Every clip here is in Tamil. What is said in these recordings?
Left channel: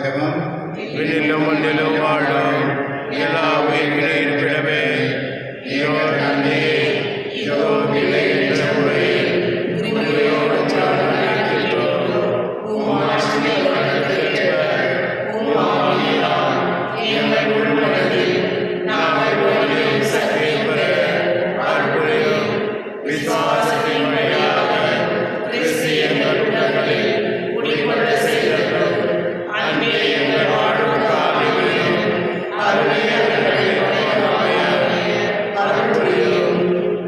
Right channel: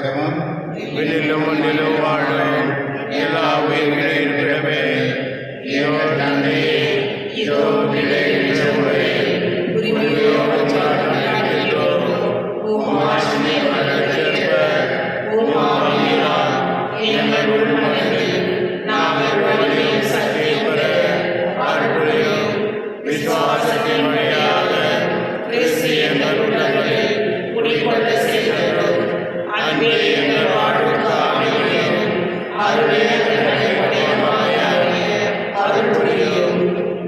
ஜெபம். விண்ணிலும் மண்ணிலும் வாழும் எல்லா உயிர்களின் இருப்பிடமே, இதோ தந்தையே, இதோ நிலை என்ற முறையில் உயிரோடு இருக்கின்றோம். எங்கள் உள் மனதில் நாங்கள் ஒவ்வொரு சக்தியை பெற அற்புதம் விசுவாசத்தின் வழியாக கிறிஸ்து எங்கள் உள்ளங்களில் குடிகொள்ள செய்தோம். அன்பே எங்கள் வாழ்வுக்கால் நிமிடம் அருளே அமைய அற்புதம்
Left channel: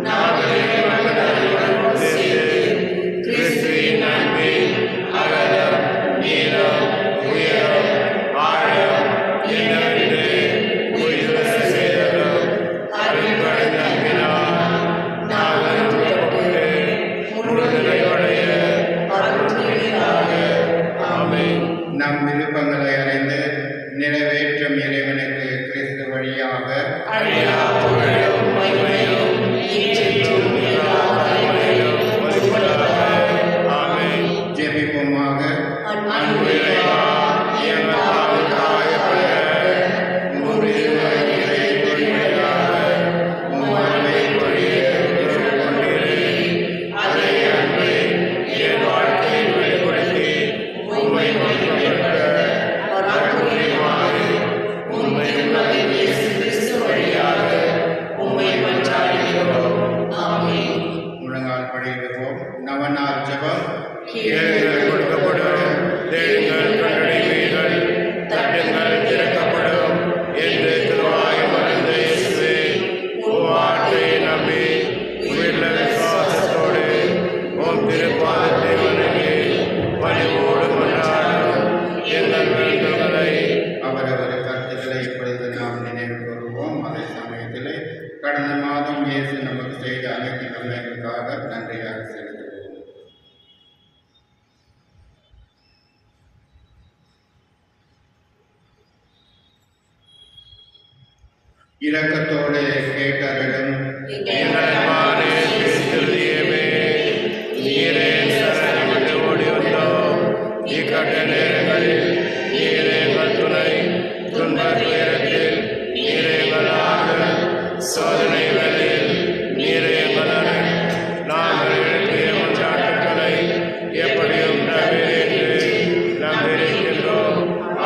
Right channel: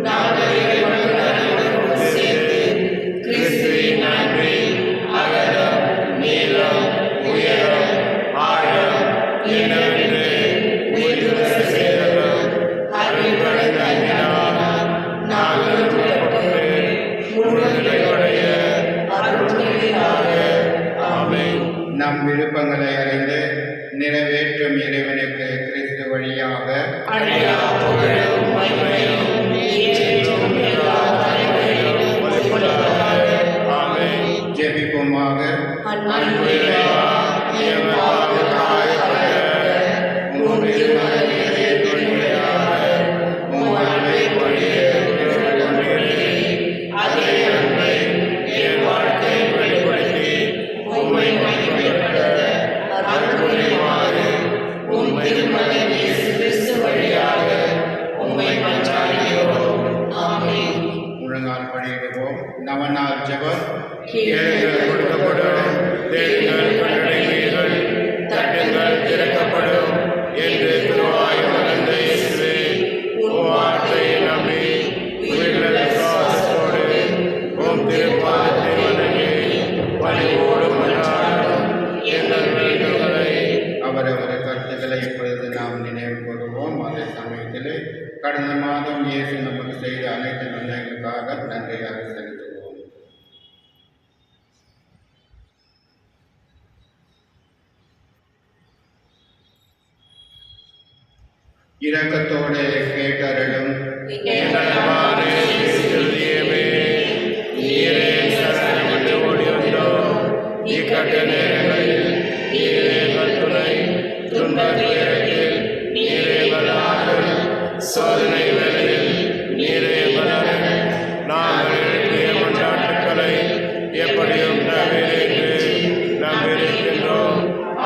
நாங்கள் இறைவனுடன் சேர்ந்து கிறிஸ்துவின் அன்பில் அகலம் நீளம் உயரம் ஆழம் என்னவென்று உயிரிழ செய்தோம். அருள்கடந்த அன்பினால் நாங்கள் நிரப்பப்பட்டு முழு நிறைவடைய அருள்வழியாக. ஆமென். நம் விருப்பங்களை அறிந்து நிறைவேற்றும் இறைவனுக்கு கிறிஸ்து வழியாக அழியா புகழும் மகிமையும் என்றும் எல்லா தலைமுறையிலும் மதிப்பதாக. ஆமென். ஜெபிப்போமாக. அன்பு இறைவா, எங்கள் பாவம் காயப்பட்ட உம்முடைய இதயத்தின் வழியாக உம் அன்பை பொழியத் கொண்டீரே. அதே அன்பை என் வாழ்க்கையில் வெளிப்படுத்தி உம்மை மகிமைப்படுத்த அற்புதமாறு உம்மை இயேசு கிறிஸ்து வழியாக உம்மை கொண்டாடுகிறோம். ஆமென். முழங்கால் படியிடுவோம். நவநாள் ஜெபம். கேளுங்கள் கொடுக்கப்படும், தேடுங்கள் கண்டடைவீர்கள், தட்டுங்கள் திறக்கப்படும் என்று திருவாய் மறந்த இயேசுவே, உம் வார்த்தையை நம்பி உயிருள்ள விசுவாசத்தோடு உம் திருப்பாதத்தை வணங்கி பணிவோடு மன்றாடும் எங்கள் வேண்டுதல்களை அவரவர் கருத்துக்களை இப்பொழுது நாம் நினைவு கூறுவோம். அதே சமயத்திலே கடந்த மாதம் இயேசு நமக்கு செய்த அனைத்து நன்மைகளுக்காக நன்றியாக செலுத்துவோம். இரக்கத்தோடு கேட்டருளும் எங்கள் அன்பான திருதியமே, நீரே சரணமிட்டு ஓடி வந்தோம். இக்கட்ட நேரங்களில் நீரே எங்கள் துணை, துன்ப துயரத்தில் நீரே எங்கள் ஆறுதல், சோதனை வேளையில் நீரே எங்கள் அருள். நாங்கள் எழுப்பிய கொண்டாட்டுக்களை எப்படியும் தவிர்த்து நம்பியிருக்கின்றோம்.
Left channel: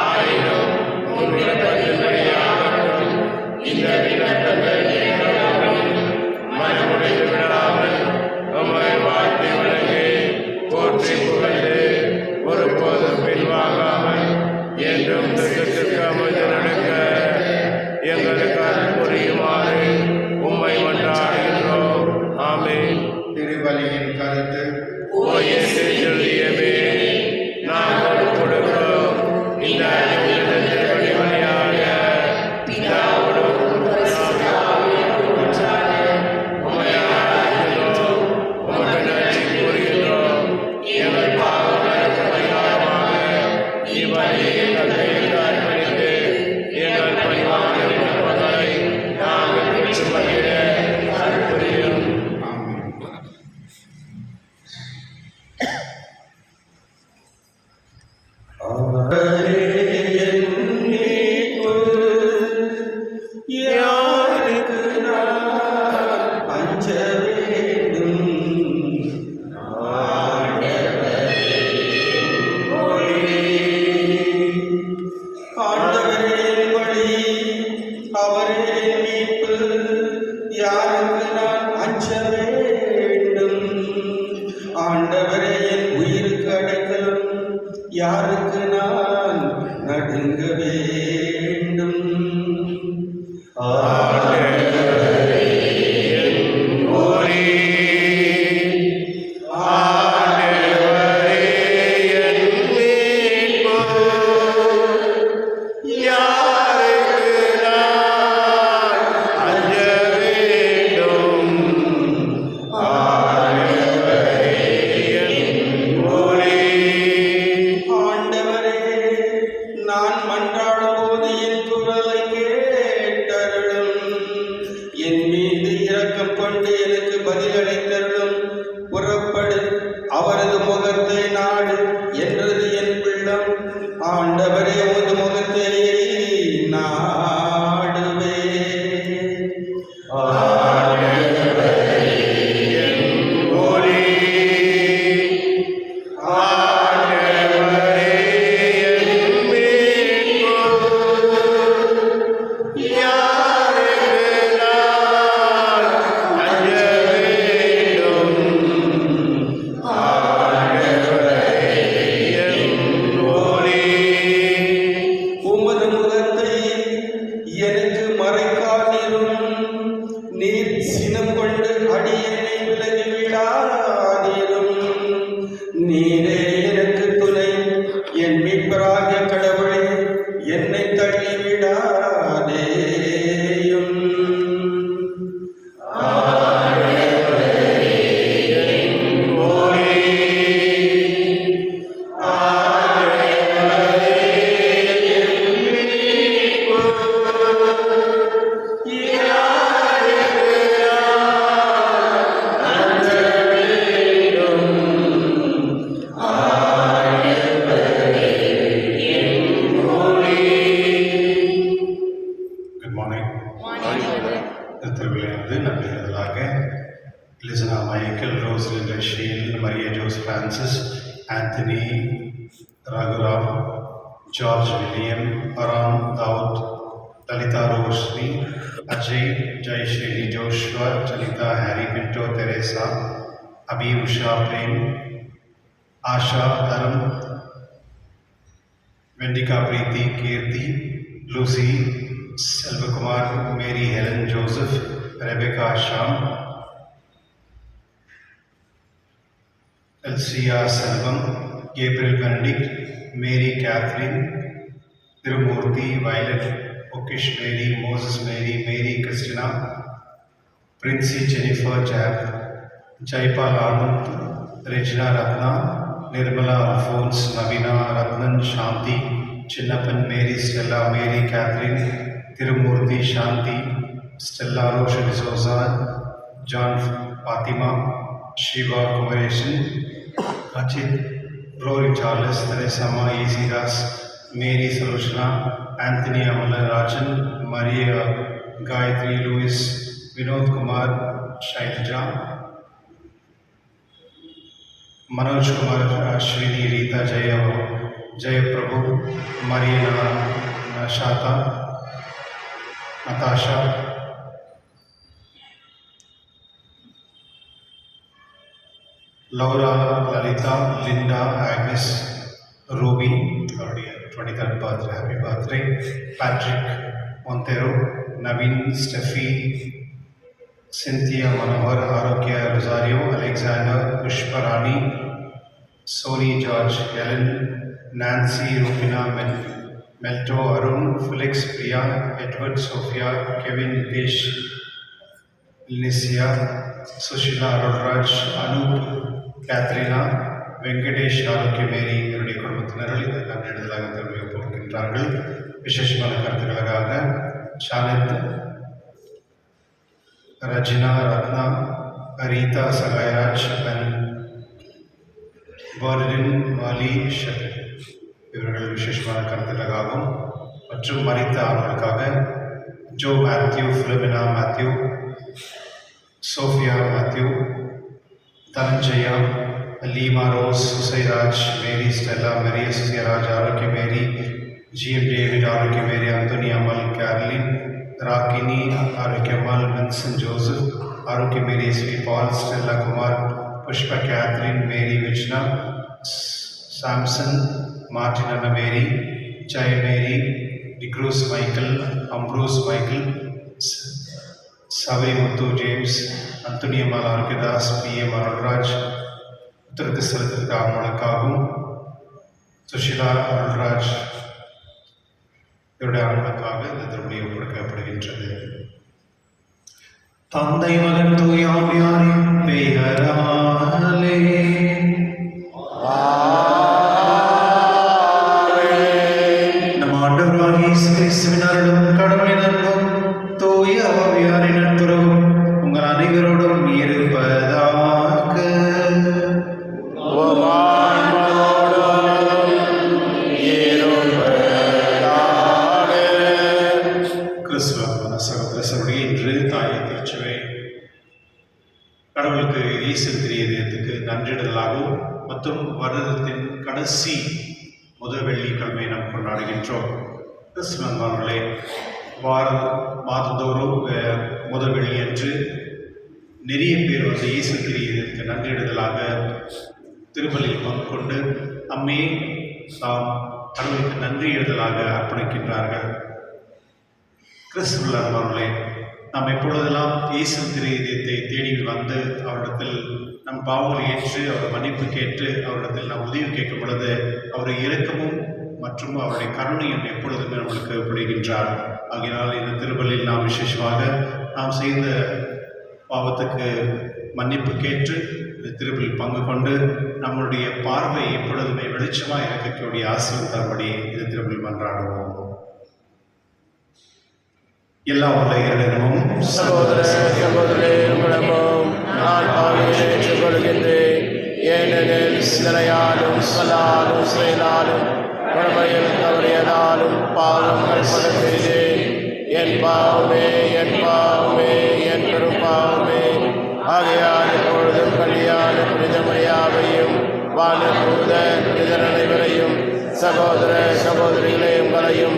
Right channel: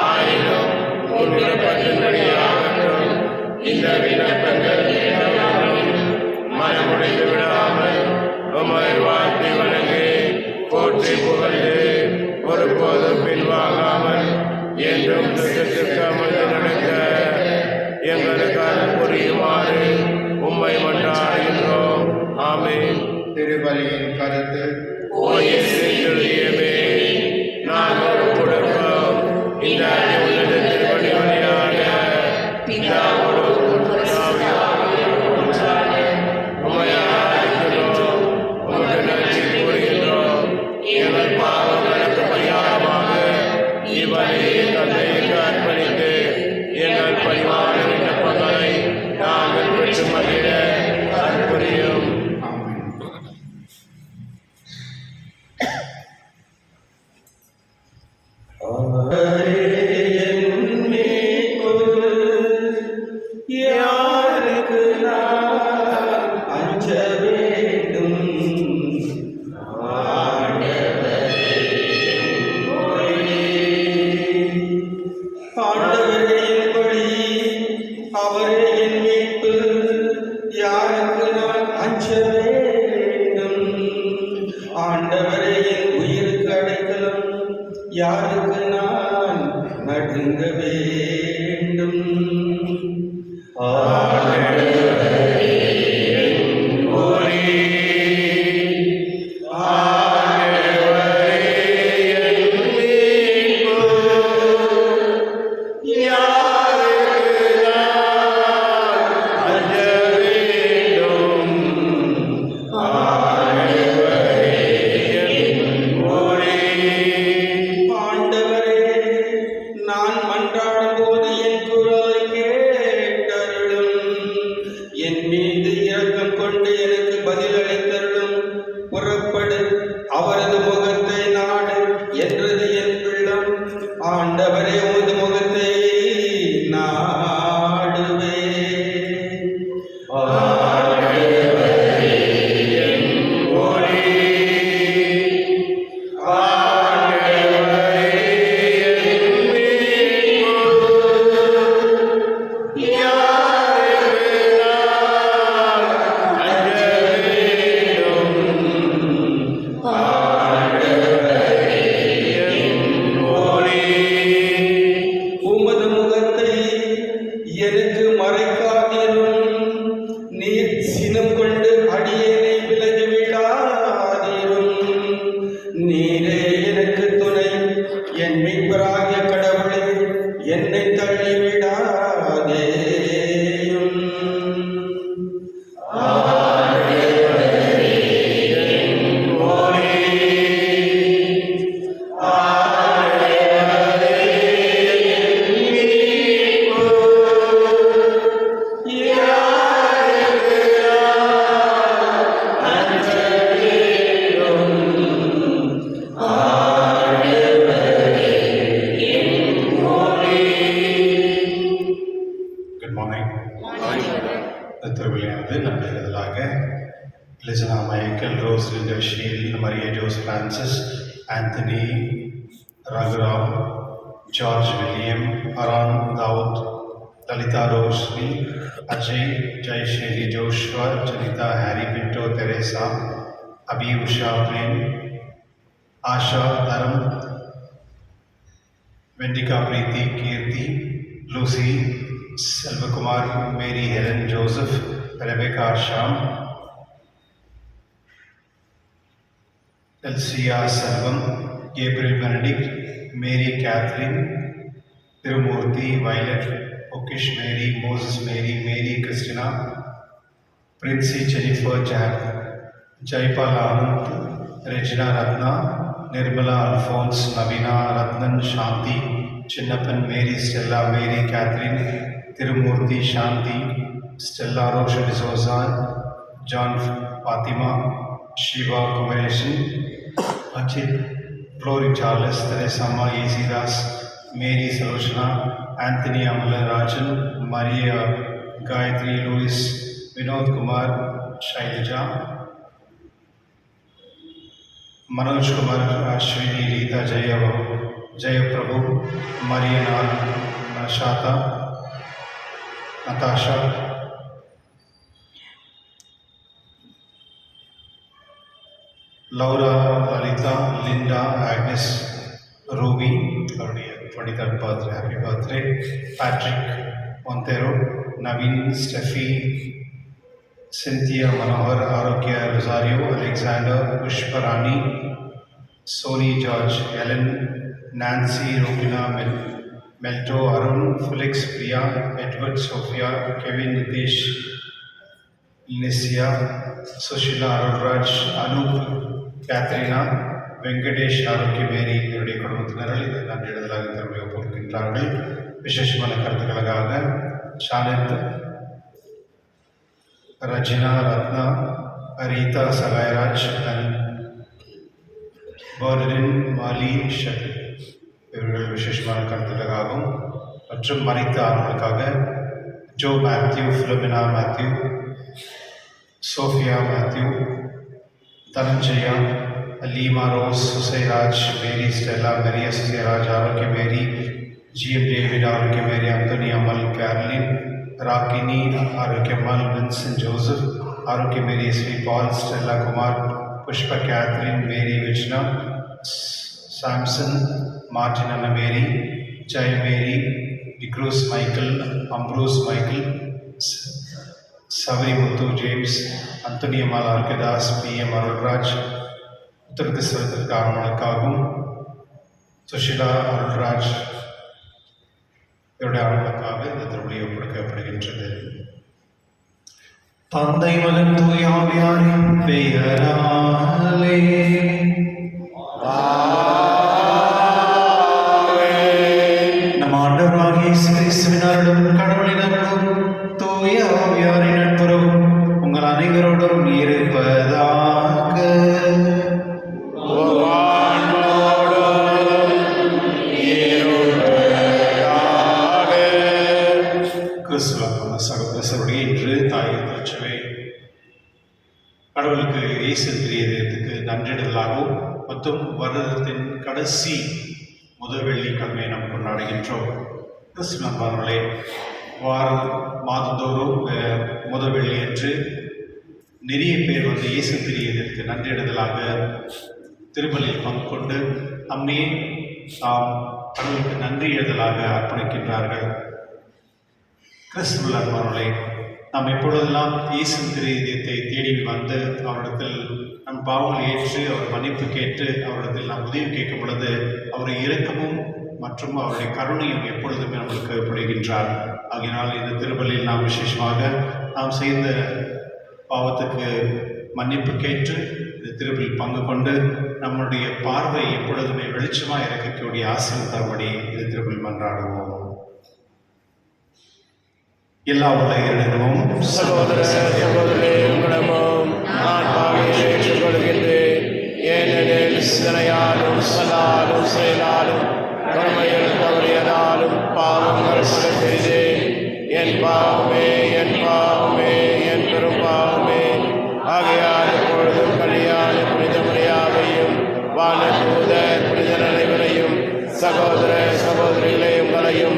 ஆயினும் உன் விருப்பத்தின்படியாகட்டும் இந்த விண்ணப்பங்கள் எல்லோரும் மனமுடைந்து விடாமல் உம்மை வாழ்த்தி வணங்கி போற்றி புகழ்ந்து ஒருபோதும் பின்வாங்காமல் என்றும் திட்டத்திற்கு அமைந்து நடக்க எங்களுக்கு அருள் புரியுமாறு உம்மை மன்றாடுகின்றோம். ஆமென். திருபலியின் கருத்து. ஓ இயேசு திருதியமே, நாங்கள் கொடுக்கும் இந்த உன்னத திருப்பணி வழியாக பிதாவோடும் உம்மை ஆராதிக்கிறோம். உமக்கு நன்றி கூறுகின்றோம். எங்கள் பாவங்களுக்கு பரிகாரமாக இவ்வழியை தந்தைக்கு அர்ப்பணித்து எங்கள் பரிவான விண்ணப்பங்களை நாங்கள் பெற்று மகிழ அற்புதம். ஆமென். ஆண்டவரே என் உயிருக்கு அடைக்கலம், யாருக்கு நான் நடுங்க வேண்டும்? ஆண்டவரே, நான் மன்றாடும் போது Anthony, Raghuram, George William, Aram Daud, Lalita Roshni, Ajay, Jai Shri Joshua, Janita Harry Pinto Teresa, Abhi Usha Prem, Asha Dharam, Vendika Preeti Kirti, Lucy, Selvakumar, Mary Helen Joseph, Rebecca Sham, Elsia Selvam, Gabriel Benedict, Mary Catherine, Tirumurthy Violet, Okish Mary, Moses Mary, Mary Christina, Princey Jennifer Jack, Jaipal Anand, Regina Ratna, Nirmala Alphonse, Navina Ratnan Shanti, Chinnappan Mary Stella, Mary Catherine, Tirumurthy Shanti, Stella Rosha D'Souza, John Fatima, Shiva Kumaresan, Achit, Glory Charles, Teresa Ma Isidas, Mary Salochana, Anthony Amala Rajan, Maria Gayatri Louis, Vinod Kumar, Shailaja, Manoj Kumar, Ashwini, Rita Jaya Prabhu, Marina Nashata, Natasha, Laura, Lalita, Linda, Agnes, Ruby, already 23rd birthday, happy birthday, Patrick, Montero, Naveen, Steffi, Cynthia Manohar, Arokya Rosario, Alexander, Pushparani, Sony George, Helen, Nancy, Rupina, Melto, Arun, Felix, Priya, Edward, Sophia, Kevin, Nitesh, Licia, Sushila, Arudraj, Anup, Katharina, Venkatesh, Arokya Mary, இவருடைய குடும்பத்தினர்கள் இந்த நன்றிடுதலாக தெரிவிக்கப்படுகின்றார்கள். விசேஷமான கருத்துக்களுக்காக ஷானித், Rajina, Ratna, Arita, Sagayaraj, and Bernardin, Mali, Shakil. இவர்கள் விசேஷமான கருத்துக்களுக்காகவும் மற்றும் மரித்த ஆண்களுக்காக Jo Mathew, Philomena Mathew, Sophia Mathew, Dhananjaya, Leema Rose, Susairaj, Mary Stella, Maria Susiyaraj, Arokia Mary, GM David, ஆரோக்கிய மேரி, அந்தோனி அமல், கேரளின், ராக்கினி, ஆரோக்கிய அமல், வின்சென்ட் ஜோசப், ஆரோக்கிய மேரி, ஸ்ரீ பால், ஸ்டெல்லா குமார், புஷ்ப கேத்ரின், மேரி விஜ்னா, சாம்சன், மார்டின் அண்ணா மேரி, ஜெய மேரி, டிக்ரூஸ் மைக்கேல், அம்ப்ரூஸ் மைக்கேல், சவரி முத்து ஜேம்ஸ், அந்தோனி அம்மாள், ஆரோக்கியதாஸ், PM அருள்ராஜ், உத்தரத்து செலுத்திற்கு ஆவணங்களுக்காகவும் சுஷிலா அருள்ராஜ் இவருடைய ஆவணங்களுக்காக இந்த திருவிழி ஒப்படைக்கப்படுகின்றது. தந்தை மகன் தூய ஆவியாரின் பெயராலே நம் ஆண்டவராகிய இயேசு கிறிஸ்துவின் அருளும் கடவுளின் அன்பும் தூய ஆவியாரின் நட்புறவும் உங்கள் அனைவரோடும் இருப்பதாக. கிறிஸ்துவ சகோதரர்களுடைய இன்று தாய் திருச்சபை கடவுளுக்கு ஈஸ்டர் திரியதற்கு நன்றிடலாகவும் மற்றும் வருடத்தின் கடைசி முதல் வெள்ளிக்கிழமை நாம் கொண்டாடுகின்றோம். கிறிஸ்துவர்களே, மாதந்தோறும் முதல் வெள்ளி அன்று நிறைய பேர் வந்து ஈஸ்டர் திரியதற்கு நன்றிடுதலாக திருப்பலியில் பங்கு கொண்டு அம்மே தாம் கடவுளுக்கு நன்றி எழுதலாக அர்ப்பணிக்கின்றார்கள். கிறிஸ்துவர்களே, நாம் எப்பொழுதெல்லாம் இயேசு திரியத்தை தேடி வந்து அவரிடத்தில் நம் பாவங்களை ஏற்று அவர் மன்னிப்பு கேட்டு அவரிடத்தில் நாம் உதவி கேட்கும் பொழுது அவருடைய இரக்கமும் மற்றும் அவருடைய கருணையும் எப்பொழுதுமே நம்மளுக்கு புரிகின்றார். ஆகினால் இந்த திருப்பலியில் நாம் விசேஷமாக நாம் செய்த பாவத்துக்கு மன்னிப்பு கேட்டு இந்த திருப்பலில் பங்கு கொண்டு நம்முடைய பார்வை எப்பொழுதுமே வெளிச்சமாக இருக்கக்கூடிய ஆசீர்வாதம் தரும்படி இந்த திருப்பலில் மன்றாடுவோம். எல்லா உலகிலும் சகோதர சகோதரே, உங்களிடமும் நான் பாவியை ஏற்றுக்கொள்கின்றேன். ஏனெனில் சிந்தனையாலும் சொல்லாலும் செயலாலும் கடமையில் தவறியதாலும் பாவங்கள் பல செய்தேன். என் பாவமே, என் பாவமே, என் பெரும் பாவமே. ஆகையால் இப்பொழுதும் கல்யாண புனித மரியாதையும் வானதூதர் புனிதர் அனைவரையும் சகோதர சகோதரிகளே உங்களையும்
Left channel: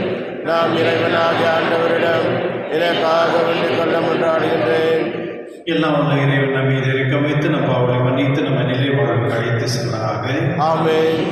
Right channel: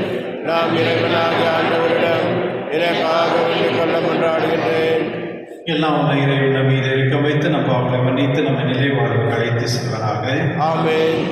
நாம் இறைவனாகிய ஆண்டவரிடம் எனக்காக வேண்டிக் கொள்ள மன்றாடுகின்றேன். எல்லாம் உள்ள இறைவன் நம் மீது இருக்க வைத்து நம் பாவங்களை மன்னித்து நம்ம நிலை வாழ்வுக்கு அழைத்து செல்வராக. ஆமென்.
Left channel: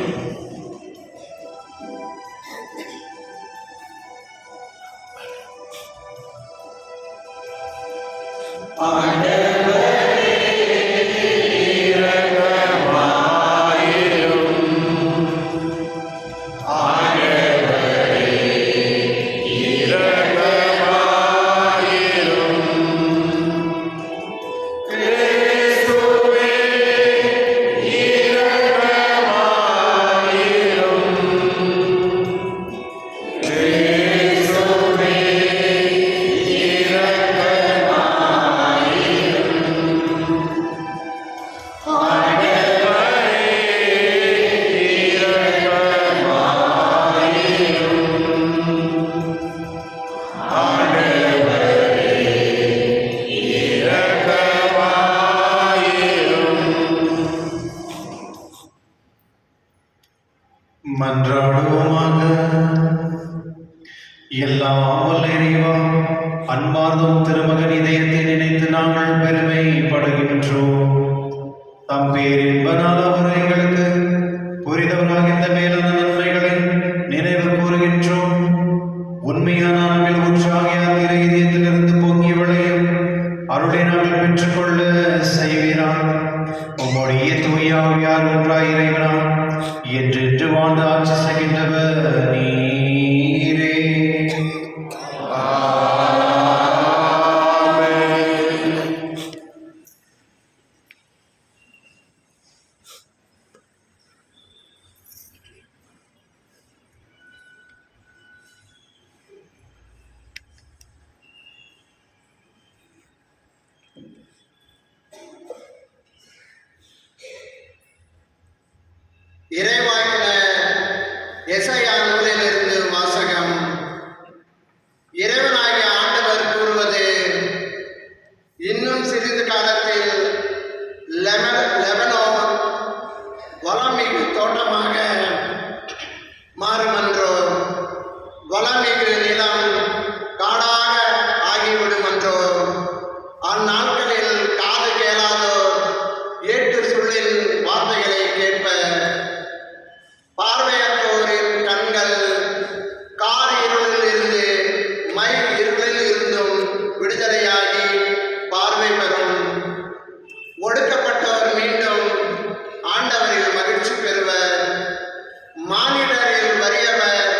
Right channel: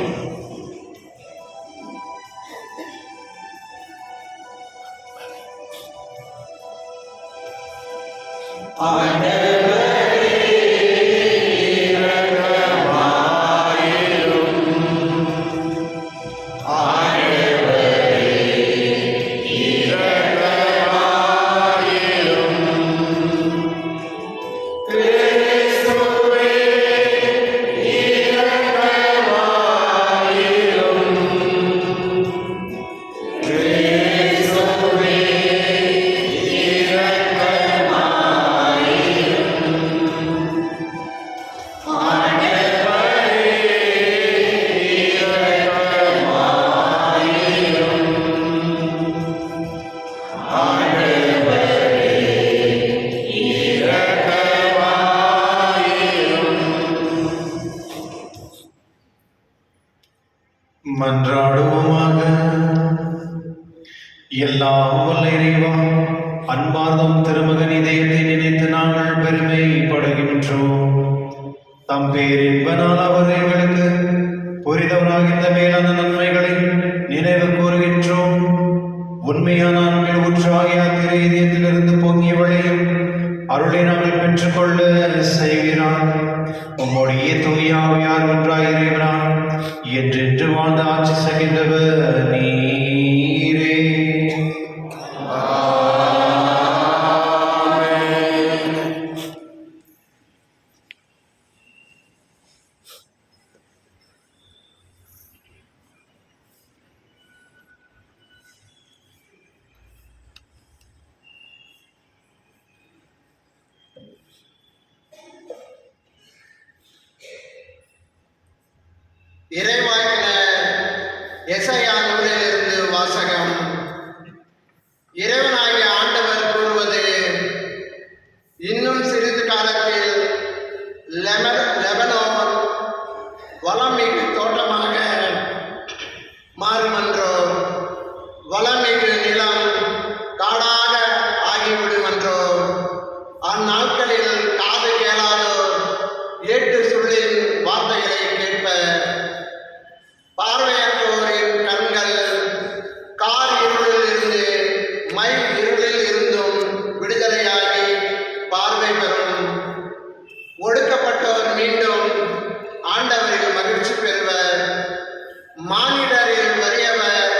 மன்றாடுவோமாக. எல்லாம் வல்ல இறைவா, அன்பார்ந்தம் திருமகன் இதயத்தை நினைத்து நாங்கள் பெருமைப்படுகின்றோம். தம் பேரின்பனால் அவர் எங்களுக்கு புரிதவராகின்ற மேலான நன்மைகளை நினைவு கூறுகின்றோம். உண்மையான அன்பில் ஊற்றாகிய திரு இதயத்திலிருந்து பொங்கி விளையும் அருளை நாங்கள் பெற்றுக்கொள்ள செய்கிறார். உம்முடைய தூய ஆவியார் ஒன்றாய் இறைவனா என்றென்று வாழ்ந்து ஆட்சி செய்கின்றவர் நீரே. இறைவாக்கினர் எசாயா நூலிலிருந்து வாசகம். இறைவனாகிய ஆண்டவர் கூறுவது, இன்னும் சிறிது காலத்தில் லெபனோன் வளமிகு தோட்டமாக மாறுமன்றோ, வளமிகு நிலம் காடாக ஆகிவிடுமன்றோ. அந்நாட்களில் காது கேளாதோர் ஏட்டு சொல்லின் வார்த்தைகளை கேட்பர். பார்வையற்றோரின் கண்கள் கார் இருளில் இருந்து மை இருளில் இருந்தும் விடுதலையாகி பார்வை பெறும். ஒடுக்கப்பட்டோர் மீண்டும் ஆண்டவரில் மகிழ்ச்சி பெறுவர். மானிடரில் வறியவர்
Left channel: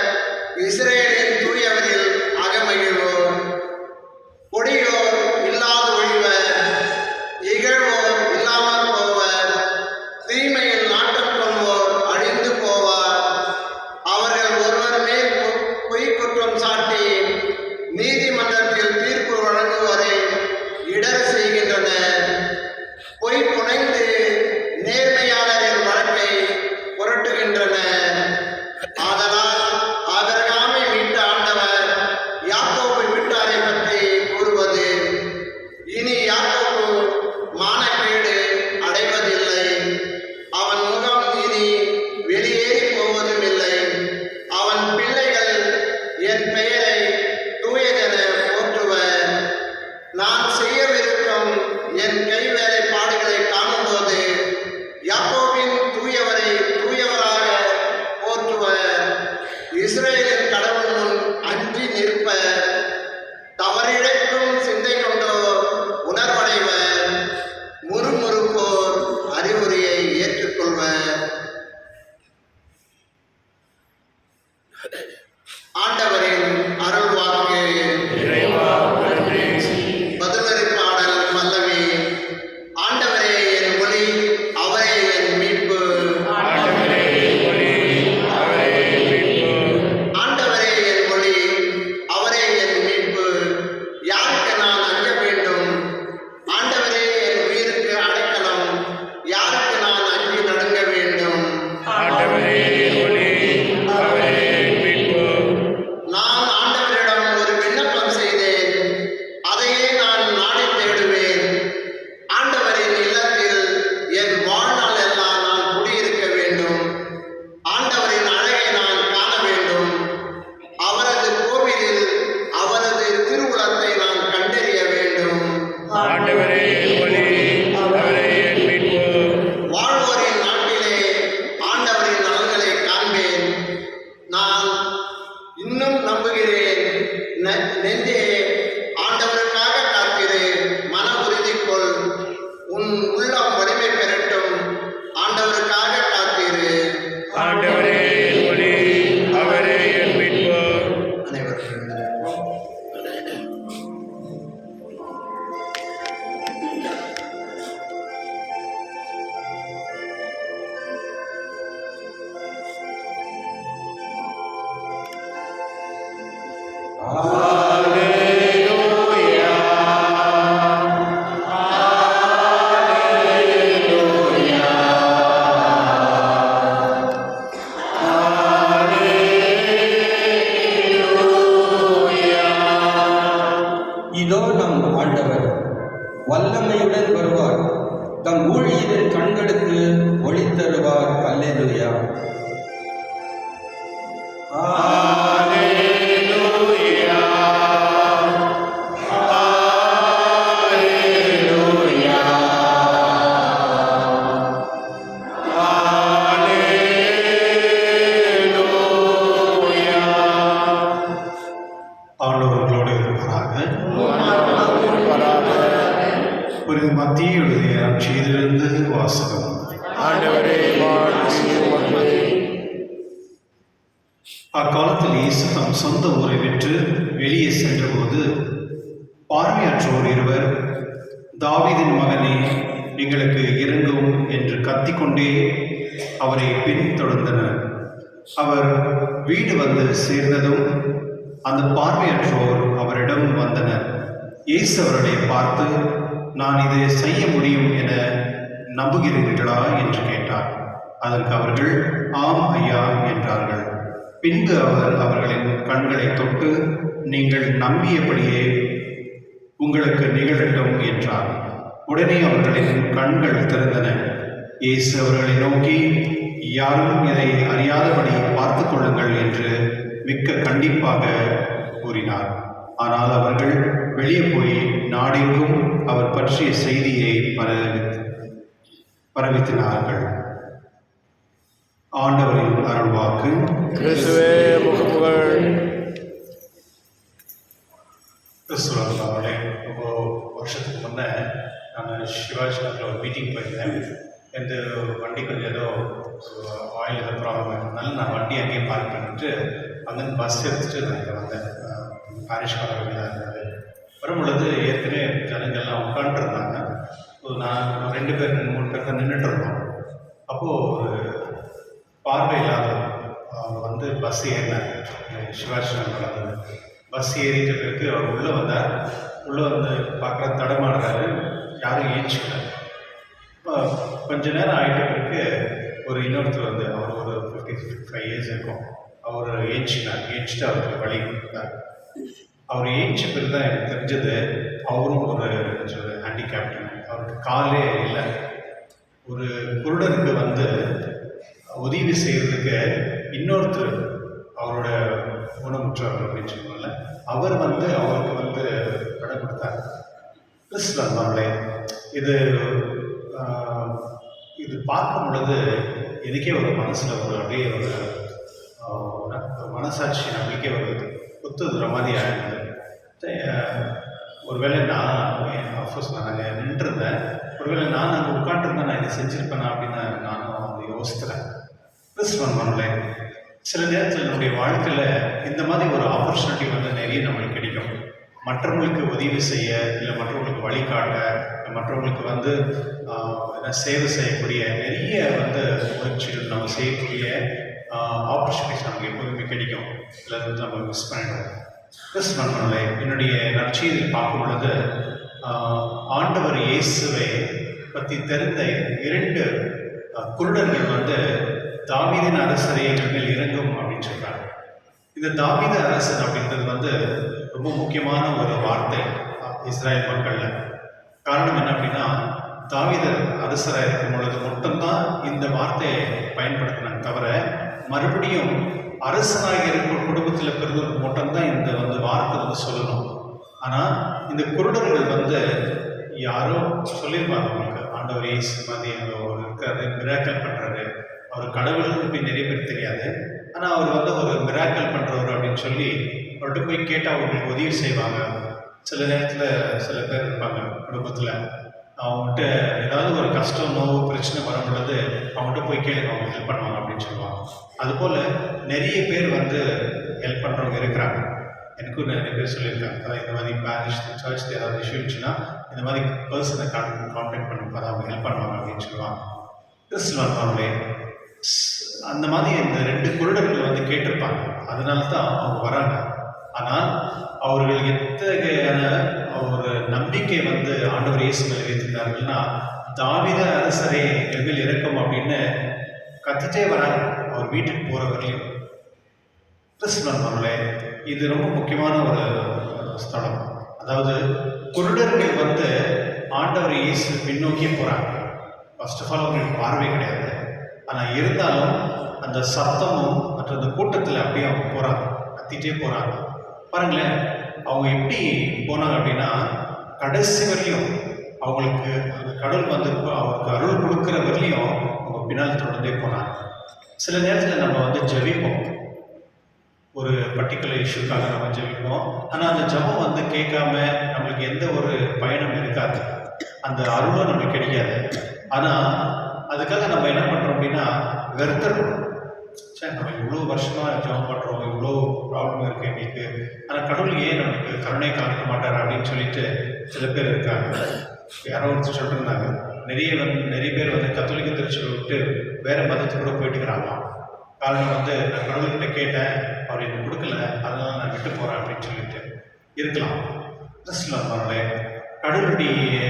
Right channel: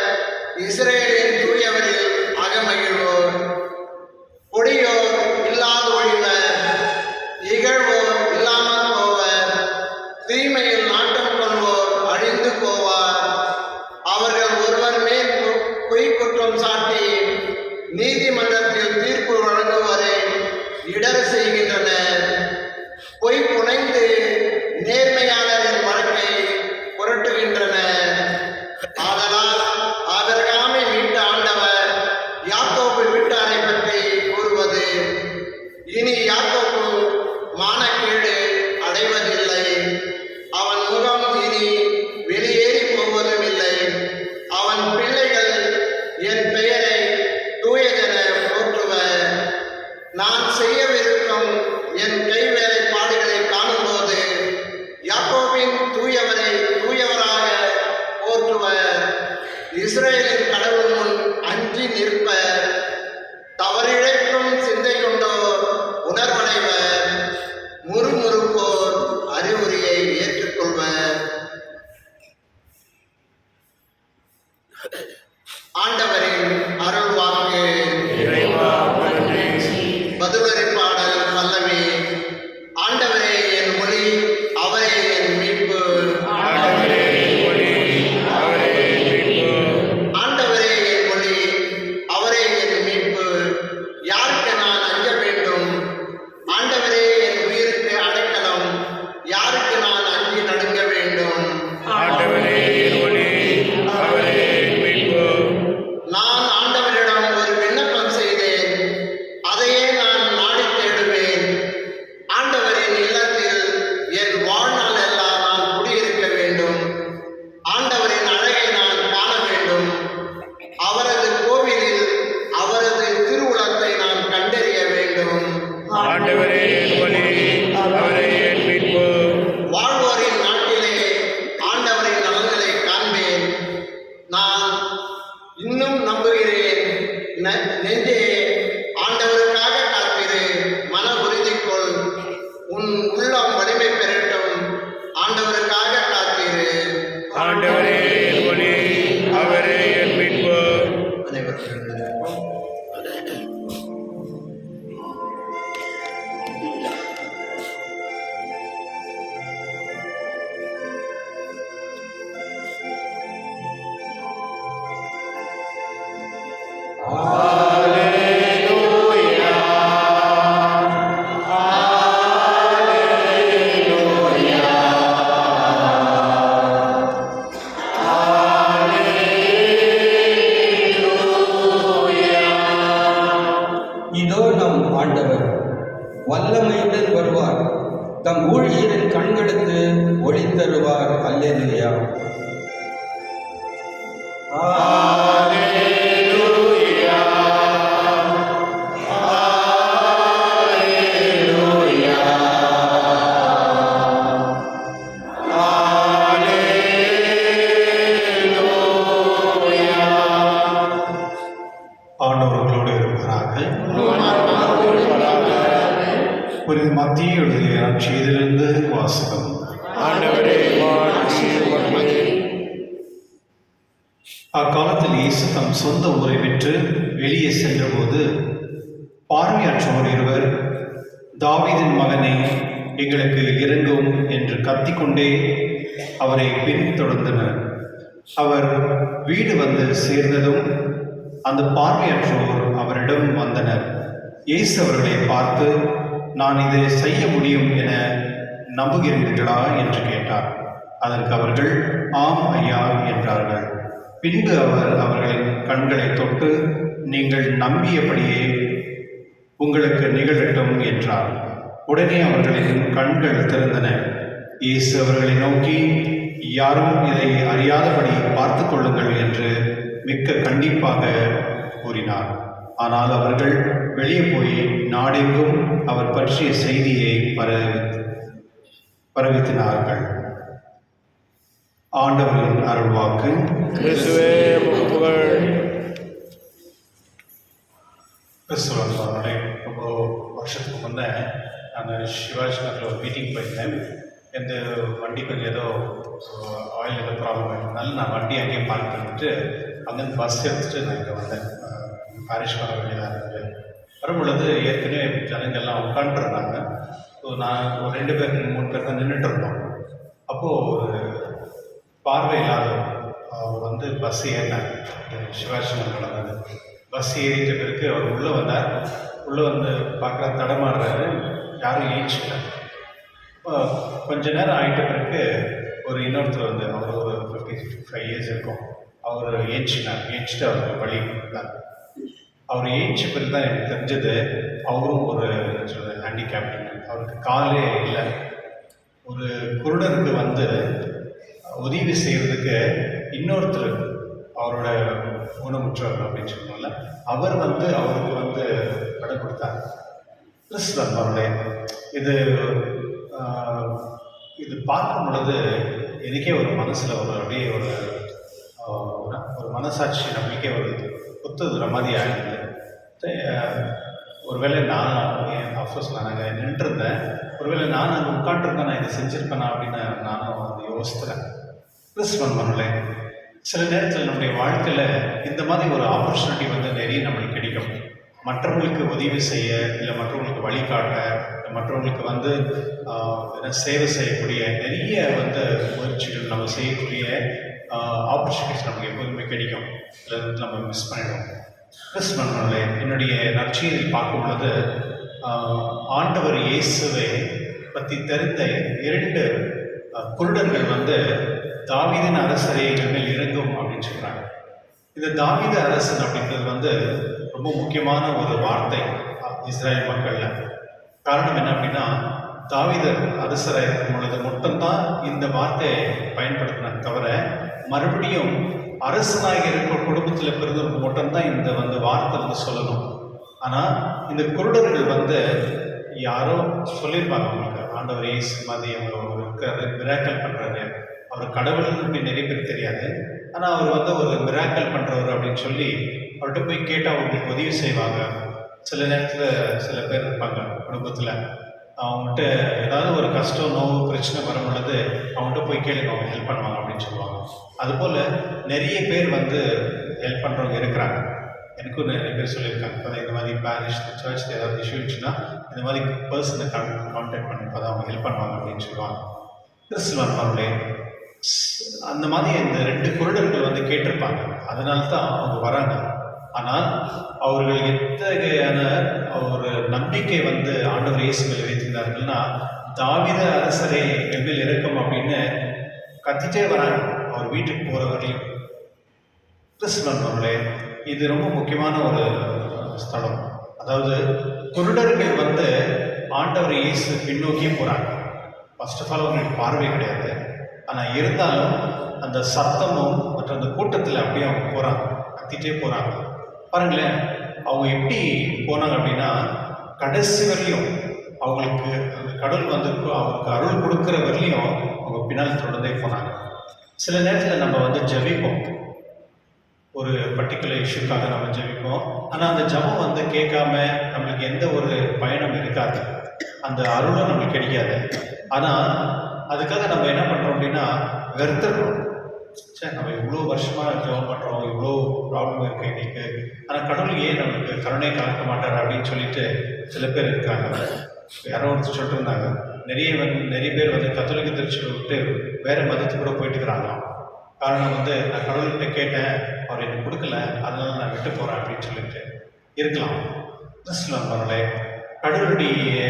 இஸ்ரேலின் தூயவரில் அகமகிழ்வோர். கொடியோர் இல்லாது ஒழிவர், இகழ்வோர் இல்லாமல் போவர். தீமையில் நாட்டம் கொள்வோர் அழிந்து போவார். அவர்கள் ஒருவர் மேல் பொய் குற்றம் சாட்டி நீதிமன்றத்தில் தீர்ப்பு வழங்குவரை இடர் செய்கின்றனர். பொய் புனைந்து நேர்மையாளரின் வழக்கை புரட்டுகின்றனர். ஆதலால் ஆபிரகாமை மீட்ட ஆண்டவர் யாக்கோபு வீட்டாரை பற்றி கூறுவது, இனி யாக்கோபு மானக்கேடு அடைவதில்லை. அவன் முகம் இனி வெளியேறி போவதும் இல்லை. அவன் பிள்ளைகள் என் பெயரை தூயதென போற்றுவர். நான் செய்யவிருக்கும் என் கைவேலைப்பாடுகளை காணும்போது யாக்கோபின் தூயவரை தூயவராக போற்றுவர். இஸ்ரேலின் கடவுள் முன் அஞ்சி நிற்பர். தவறிழைக்கும் சிந்தை கொண்டோர் உணர்வடைவர். முறுமுறுப்போர் அறிவுரையை ஏற்றுக்கொள்வர். ஆண்டவரின் அருள் வாக்கு. இறைவா நன்றி. பதிலுரை பாடல் பல்லவி. ஆண்டவரே என் ஒளி, அவரே என் மீட்பு. ஆண்டவரே என் ஒளி, அவரே என் மீட்பு. ஆண்டவரே என் ஒளி, அவரே என் மீட்பு. யாருக்கு நான் அஞ்ச வேண்டும்? ஆண்டவரே என் உயிருக்கு அடைக்கலம். யாருக்கு நான் அஞ்சி நடுங்க வேண்டும்? ஆண்டவரே என் ஒளி, அவரே என் மீட்பு. நான் இன்னும் நம்புகிறேன். நெஞ்சே ஆண்டவருக்காக காத்திரு, மன உறுதி கொள், உன் உள்ளம் வலிமை பெறட்டும். ஆண்டவருக்காக காத்திரு. ஆண்டவரே என் ஒளி, அவரே என் மீட்பு. அனைவருக்கும் Alleluia. Alleluia. Alleluia. இதோ நம் ஆண்டவர் வல்லமையுடன் வருவார், தம் ஊழியரின் கண்களுக்கு ஒளி தருவார். அல்லேலூயா. Alleluia. Alleluia. Alleluia. ஆண்டவர்களோடு இருப்பாராக. ஆண்டவரோடு இருப்பாராக. புனித மத்தியுடைய செய்திலிருந்து வாசகம். ஆண்டவரே மாற்றி உமக்கு. அக்காலத்தில் இயேசு தம் சொந்த ஊரை விட்டு வெளியே சென்றபோது பார்வையற்றோர் இருவர், தாவீதின் மகனே, எங்களுக்கு இறங்கும் என்று கத்திக்கொண்டே அவரை பின்தொடர்ந்தனர். அவர் வீடு வந்து சேர்ந்ததும் அந்த பார்வையற்றோர் அவரிடம் வந்தனர். இயேசு அவர்களை பார்த்து, நான் இதை செய்ய முடியும் என நம்புகிறீர்களா என்று கேட்டார். அதற்கு அவர்கள், ஆம் ஐயா என்றார்கள். பின்பு அவர் அவர்களின் கண்களை தொட்டு, நீங்கள் நம்பியபடியே உங்களுக்கு நிகழட்டும் என்றார். உடனே அவர்களின் கண்கள் திறந்தன. இயேசு அவர்களை நோக்கி, யாரும் இதை அறியாதபடி பார்த்து கொள்ளுங்கள் என்று மிக்க கண்டிப்பாக கூறினார். ஆனால் அவர்கள் வெளியே போய் நாடெங்கும் அவர் பற்றிய செய்தியை பரவித்தினார்கள். ஆண்டவரின் அருள்வாக்கு. கிறிஸ்துவே உமக்கு புகழ். கிறிஸ்துவர்களே, ரொம்ப வருஷத்துக்கு முன்னே நான் சிவாஜி நகரில் ஒரு மீட்டிங் போயிருந்தேன். எந்த வண்டி கொஞ்சம் ஏதோ ஆயில் ஏதோ ப்ராப்ளம் ஆயிருந்தனால நான் வண்டி அங்கேயே பார்க் பண்ணிட்டு அங்கேருந்து பஸ் எடுத்துகிட்டு நான் இங்கே வந்தேன். பாரிஷ் வர வேண்டியதாக இருந்தது. வரும்பொழுது ஏற்கனவே ஜனங்கள்லாம் உட்காந்துருந்தாங்க. ஸோ நான் 2 பேர் 3 பேர் தான் நின்றுட்டு இருந்தோம். அப்போது ஒரு பார்வை இல்லாதவர் அவர் வந்து பஸ் ஏறினார். சிவாஜி நகர் நடந்தது. பஸ் ஏறிட்ட பிறகு அவர் உள்ளே வந்தார். உள்ளே வந்து பார்க்குற தடமாடுறாரு, யாரும் ஏஞ்சிக்கிறார். கொஞ்ச நேரம் ஆகிட்ட பிறகு ஒரு இன்னொருத்தர் வந்து, அவர் ஒரு 55 இயர்ஸ் இருக்கும், அவர் ஏஞ்சிட்டு அவருக்கு வழி கொடுத்தார். அவர் ஏஞ்ச பிறகு தான் எனக்கு தெரிஞ்சது, அவரும் ஒரு ஹேண்டிகேப்டு, அவருக்கு காலே இல்லை. ஒரு குருடருக்கு வந்து உதவி செய்கிறதுக்கு இன்னொருத்தர், அவரோட ஊனமுற்றவர் அப்படின்னு சொன்னால, அவர் வந்து அவருக்கு வந்து படம் கொடுத்தார். கிறிஸ்துவர் மருளே, இது பார்க்கும் பொழுது எனக்கே ஒரு மனசில் ஒரு அப்படியே ஒரு மனசாட்சி நம்பிக்கை ஒரு குத்துதுற மாதிரி ஆகிடுது. ஒருவேளை நான் அஃப்கோர்ஸ் நான் அங்கே நின்றுருந்தேன், ஒருவேளை நான் அங்கே உட்காந்துருந்தேன், நான் இதை செஞ்சுருப்பேனா அப்படின்னு நானும் வந்து யோசித்துறேன். கிறிஸ்துவன் மருளே, சில நேரத்தில் நம்முடைய வாழ்க்கையில் இந்த மாதிரி ஒரு ஆப்பர்ச்சுனிட்டி வந்து நிறைய நம்மளுக்கு கிடைக்கும். மற்றவங்களுக்கு உதவி செய்ய, இல்லை மற்றவங்களுக்கு வழிகாட்ட, இல்லை மற்றவங்களுக்கு வந்து சேவை செய்யக்கூடிய நிறைய வந்து முயற்சிகள் நம்ம செய்யக்கூடிய ஆப்பர்ச்சுனிட்டிஸ் நமக்கு எப்போதுமே கிடைக்கும். இல்லை நம்ம மிஸ் பண்ணிடுவோம். கிறிஸ்துவர்களே, என்னுடைய நற்செய்தியில் பார்க்கும் பொழுது ஆண்டவர் இயேசுவை பற்றி தெரிந்த 2 குருடர்கள் வந்து தாவீதின் அரசரே எங்கள் மேல் இறங்கும் அப்படின்னு சொல்கிறாங்க. இந்த தாவீது அரசன் அப்படின்றது வந்து ரொம்ப முக்கியமான ஒரு வார்த்தை இஸ்ரேல் மக்களில். காரணம் என்ன அப்படின்னா, தாவீது அரசராக இருக்கும் பொழுது மட்டும்தான் இந்த வார்த்தையை பயன்படுத்தினாங்க. தவிர மறுபடியும் அரசனாக இருக்கிற குடும்பத்தில் பிறந்தவருக்கு மட்டும்தான் இந்த வந்து வார்த்தை வந்து சொல்லணும். ஆனால் இந்த குருடர்கள் வந்து யாரோ சொல்லியிருப்பாங்க அவங்களுக்கு, ஆண்டவர் இயேசு மாதிரி அவர் இருக்காரு, மிராக்கிள் பண்ணுறாரு, அவர் கடவுள்னு நிறைய பேர் தெரியாது. ஆனால் அவர் வந்து ஒரு மிராக்கல் பண்ணுறவர் அப்படின்னு சொல்லி அவர்கிட்ட போய் கேட்டால் அவங்களுக்கு உதவி செய்வாங்க. சில நேரத்தில் சில பேர் இருப்பாங்க குடும்பத்தில், அவங்ககிட்ட ஏதாவது ஒரு கஷ்டம் நோவு பிரச்சனை வரும் பொழுது அவங்ககிட்ட போய் கேளுங்க, அவங்க ஹெல்ப் பண்ணுவாங்க அப்படின்னு சொல்லுவாங்க. அதுபோல் நிறைய பேர் வந்து ஹெல்ப் பண்ணுறவங்க இருக்கிறாங்க. எனக்கும் நிறைய பேர் சொல்லியிருக்காங்க, அதான் இந்த மாதிரி பேரிஷ் சர்ச்சில் ஏதாவது இஷ்யூ இருந்துச்சுன்னா இந்த மாதிரி பர்சனை கான்டாக்ட் பண்ணி அப்போ அவங்க ஹெல்ப் பண்ணுவாங்க அப்படின்னு சொல்லுவாங்க. கிறிஸ்துவர்களே அந்த மாதிரி இந்த 2 குருடர்கள் வந்து கேட்டிருப்பாங்க, அதனால தான் அவங்க வராங்க. ஆனால் அவர்கள் எத்தகையான ஒரு நம்பிக்கை வந்து ஆண்டவர் இயேசு மேல் வைத்திருந்தார்கள்னா, தாவீது அரசரை எவ்வில் இறக்கும் அப்படின்னு கத்திட்டே வராங்க அவர் வீட்டுக்கு போகிற வரையும். கிறிஸ்துவர்களே இது ரொம்ப முக்கியமான ஒரு ஸ்தலம். அதாவது குருடர்கள் வந்து ஆண்டவர் இயேசு பின்னோக்கியே போகிறாங்க. ஃபர்ஸ்ட் ஆஃப் ஆல் அவங்களுக்கு பார்வை கிடையாது, ஆனால் இருந்தாலும் அந்த சத்தமும் மற்ற அந்த கூட்டத்தில் அப்படியே அவங்க போகிறாங்க, கத்திட்டே போகிறாங்க. பாருங்களேன், அவங்க எப்படி போனாங்க அப்படின்னா, கடைசி வரலையும் அவங்களுக்கு அந்த கடவுள் வந்து அவங்களுக்கு அருள் கொடுக்குற வரலையும் அவங்க பின்னால் தொடர்ந்தே போனாங்க. சில நேரத்தில் நம்ம வந்து ஜெபிப்போம், ஒரு பர்டிகுலர் இஷ்யூக்காக நம்ம ஜெபிப்போம், ஆனால் அந்த ஜெபம் வந்து கேட்காம நம்மளுக்கு எந்த ஒரு பயனும் இருக்காது, அந்த அருளும் நம்மளுக்கு கிடைக்காது. ஆனால் அதுக்காக நம்ம என்ன பண்ணுறோம் அப்படின்னா வெறுத்துடுறோம். சரி, நம்ம இவ்வளோ வருஷமாக ஜெபம் பண்ணுறோம், இவ்வளோ ப்ராப்ளம் இருக்குது எங்களுக்கு, ஆனால் கடவுள் ஏன் நமக்கு கருணை காட்ட மாட்டார் அப்படின்னு சொல்லிட்டு சில பேர் இருக்காங்க. யாரோ ஒருத்தர் சொல்லிட்டு இருந்தாங்க, நிறைய பேர் வந்து கத்தோலிக்க திருச்சபை விட்டு வேறு மதத்துக்கு கூட போயிட்டு இருக்கிறாங்களாம். காரணம் வந்து நான் கடவுள்கிட்ட கேட்டேன், அவர் எனக்கு கொடுக்கல, அதனால நான் விட்டு போகிறேன் அப்படின்னு சொல்லிட்டு இருக்கலாம். கிறிஸ்துவர்களே கடவுளுடைய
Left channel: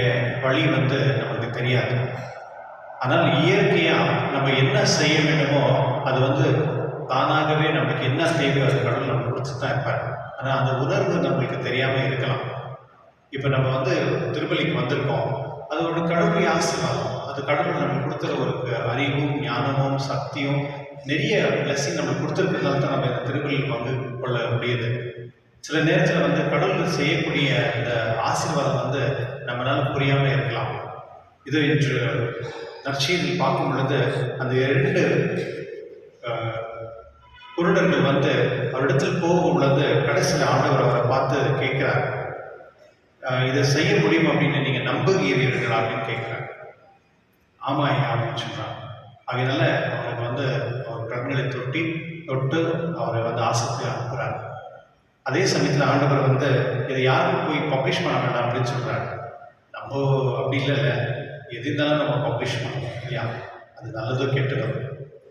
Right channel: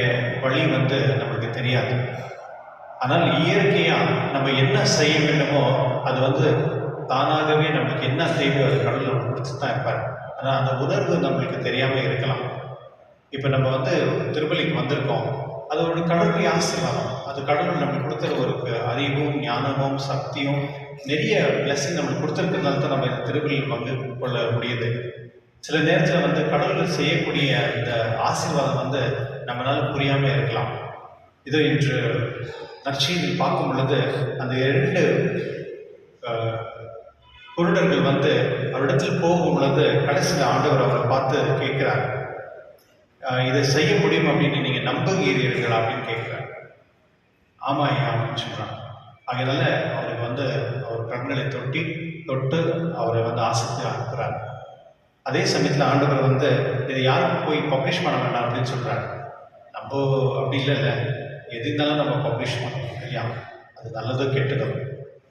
வழி வந்து நமக்கு தெரியாது. ஆனால் இயற்கையாக நம்ம என்ன செய்ய வேண்டுமோ அது வந்து தானாகவே நம்மளுக்கு என்ன தேவை அது கடவுள் நம்ம கொடுத்து தான் இருப்பார். ஆனால் அந்த உணர்வு நம்மளுக்கு தெரியாமல் இருக்கலாம். இப்போ நம்ம வந்து திருப்பலிக்கு வந்திருக்கோம், அது ஒரு கடவுளுடைய ஆசீர்வாதம். அது கடவுள் நம்மளுக்கு கொடுத்துற ஒரு அறிவும் ஞானமும் சக்தியும் நிறைய பிளஸிங் நம்மளுக்கு கொடுத்துருக்கிறதால தான் நம்ம இந்த திருப்பலியில் பங்கு கொள்ள முடியுது. சில நேரத்தில் வந்து கடவுள் செய்யக்கூடிய அந்த ஆசீர்வாதம் வந்து நம்மளால் புரியாமல் இருக்கலாம். இது இன்று நற்செய்தியில் பார்க்கும் பொழுது அந்த 2 குருடர்கள் வந்து அவரிடத்தில் போகும் பொழுது கடைசியில் ஆண்டவர் அவரை பார்த்து கேட்குறார், இதை செய்ய முடியும் அப்படின்னு நீங்கள் நம்புகிறீர்களா அப்படின்னு கேட்குறார். ஆமாம் ஐயா அப்படின்னு சொல்கிறான். அதனால அவருக்கு வந்து அவர் கண்களை தொட்டு அவரை வந்து ஆசைத்து அனுப்புகிறார். அதே சமயத்தில் ஆண்டவர் வந்து இதை யாருக்கும் போய் பப்ளிஷ் பண்ண வேண்டாம் அப்படின்னு சொல்கிறார். நம்ம அப்படி இல்லை, எது இருந்தாலும் நம்ம பப்ளிஷ் பண்ணணும் இல்லையா, அது நல்லதோ கெட்டதோ.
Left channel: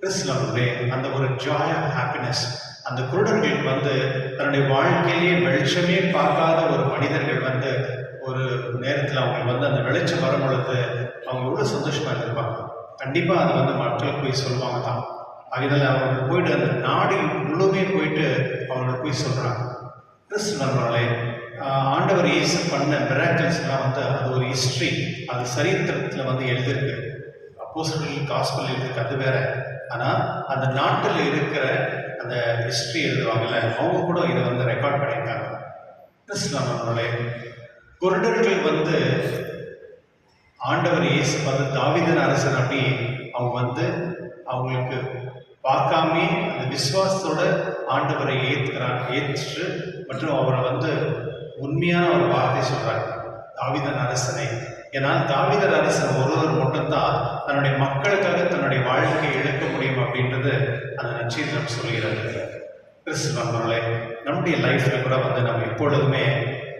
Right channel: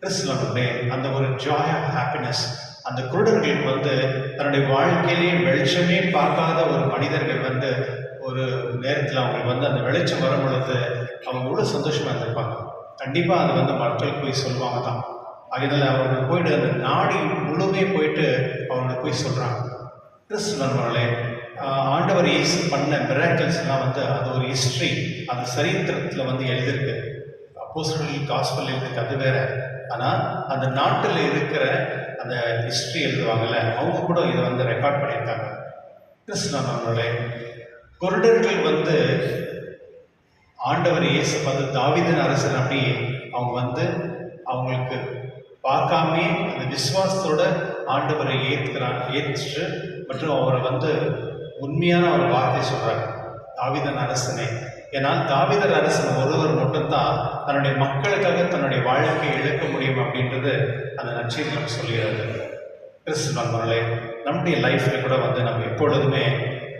கிறிஸ்துவனுடைய அந்த ஒரு ஜாய் ஹாப்பினஸ் அந்த குருடர்களுக்கு வந்து தன்னுடைய வாழ்க்கையிலேயே வெளிச்சமே பார்க்காத ஒரு மனிதர்கள் வந்து ஒரு நேரத்தில் அவங்களுக்கு வந்து அந்த வெளிச்சம் வரும் பொழுது அவங்க எவ்வளோ சந்தோஷமாக இருந்திருப்பாங்க. கண்டிப்பாக அதை வந்து மக்களுக்கு போய் சொல்லுவாங்க தான். அதனால அவங்க போயிட்டு அந்த நாடு முழுவே போயிட்டு அவங்களுக்கு போய் சொல்கிறாங்க. கிறிஸ்துவர்களே ஆண்டவர் இயேசு பண்ண மிராக்கிள்ஸ்லாம் வந்து அது ஒரு ஹிஸ்ட்ரி, அது சரித்திரத்தில் வந்து எழுதியிருக்கு. அப்போஸ்தலர்கள் காஸ்பல் எழுதியிருக்கு, அது வேற. ஆனால் அந்த நாட்டில் இருக்கிற அந்த ஹிஸ்ட்ரி எழுதுவாங்கல்ல, அவங்க கூட இதை வந்து ரெக்கார்ட் பண்ணியிருக்காங்க. கிறிஸ்துவர்களே குருடர்கள் வந்து ஆண்டவர் இயேசு வந்து தாவீதின் அரசன் அப்படி அவங்க வந்து அவங்களுக்கு பார்க்காமே அந்த விசுவாசத்தோட ஆண்டவரை ஏற்று மற்றும் அவரை வந்து உண்மையான ஒரு வார்த்தை சொல்கிறார், தாவீதின் அரசனை. ஏன்னால் தாவீதின் அரசன் ஒருவர் மட்டும்தான் தன்னுடைய மக்களுக்காக தன்னுடைய வாழ்க்கையை இழக்க முடியும் அப்படின்றது அந்த நற்செய்தி நம்ம சொல்கிறது. கிறிஸ்துவர்களே நம்முடைய லைஃப்பில் கூட வந்து நம்ம எப்பொழுதுமே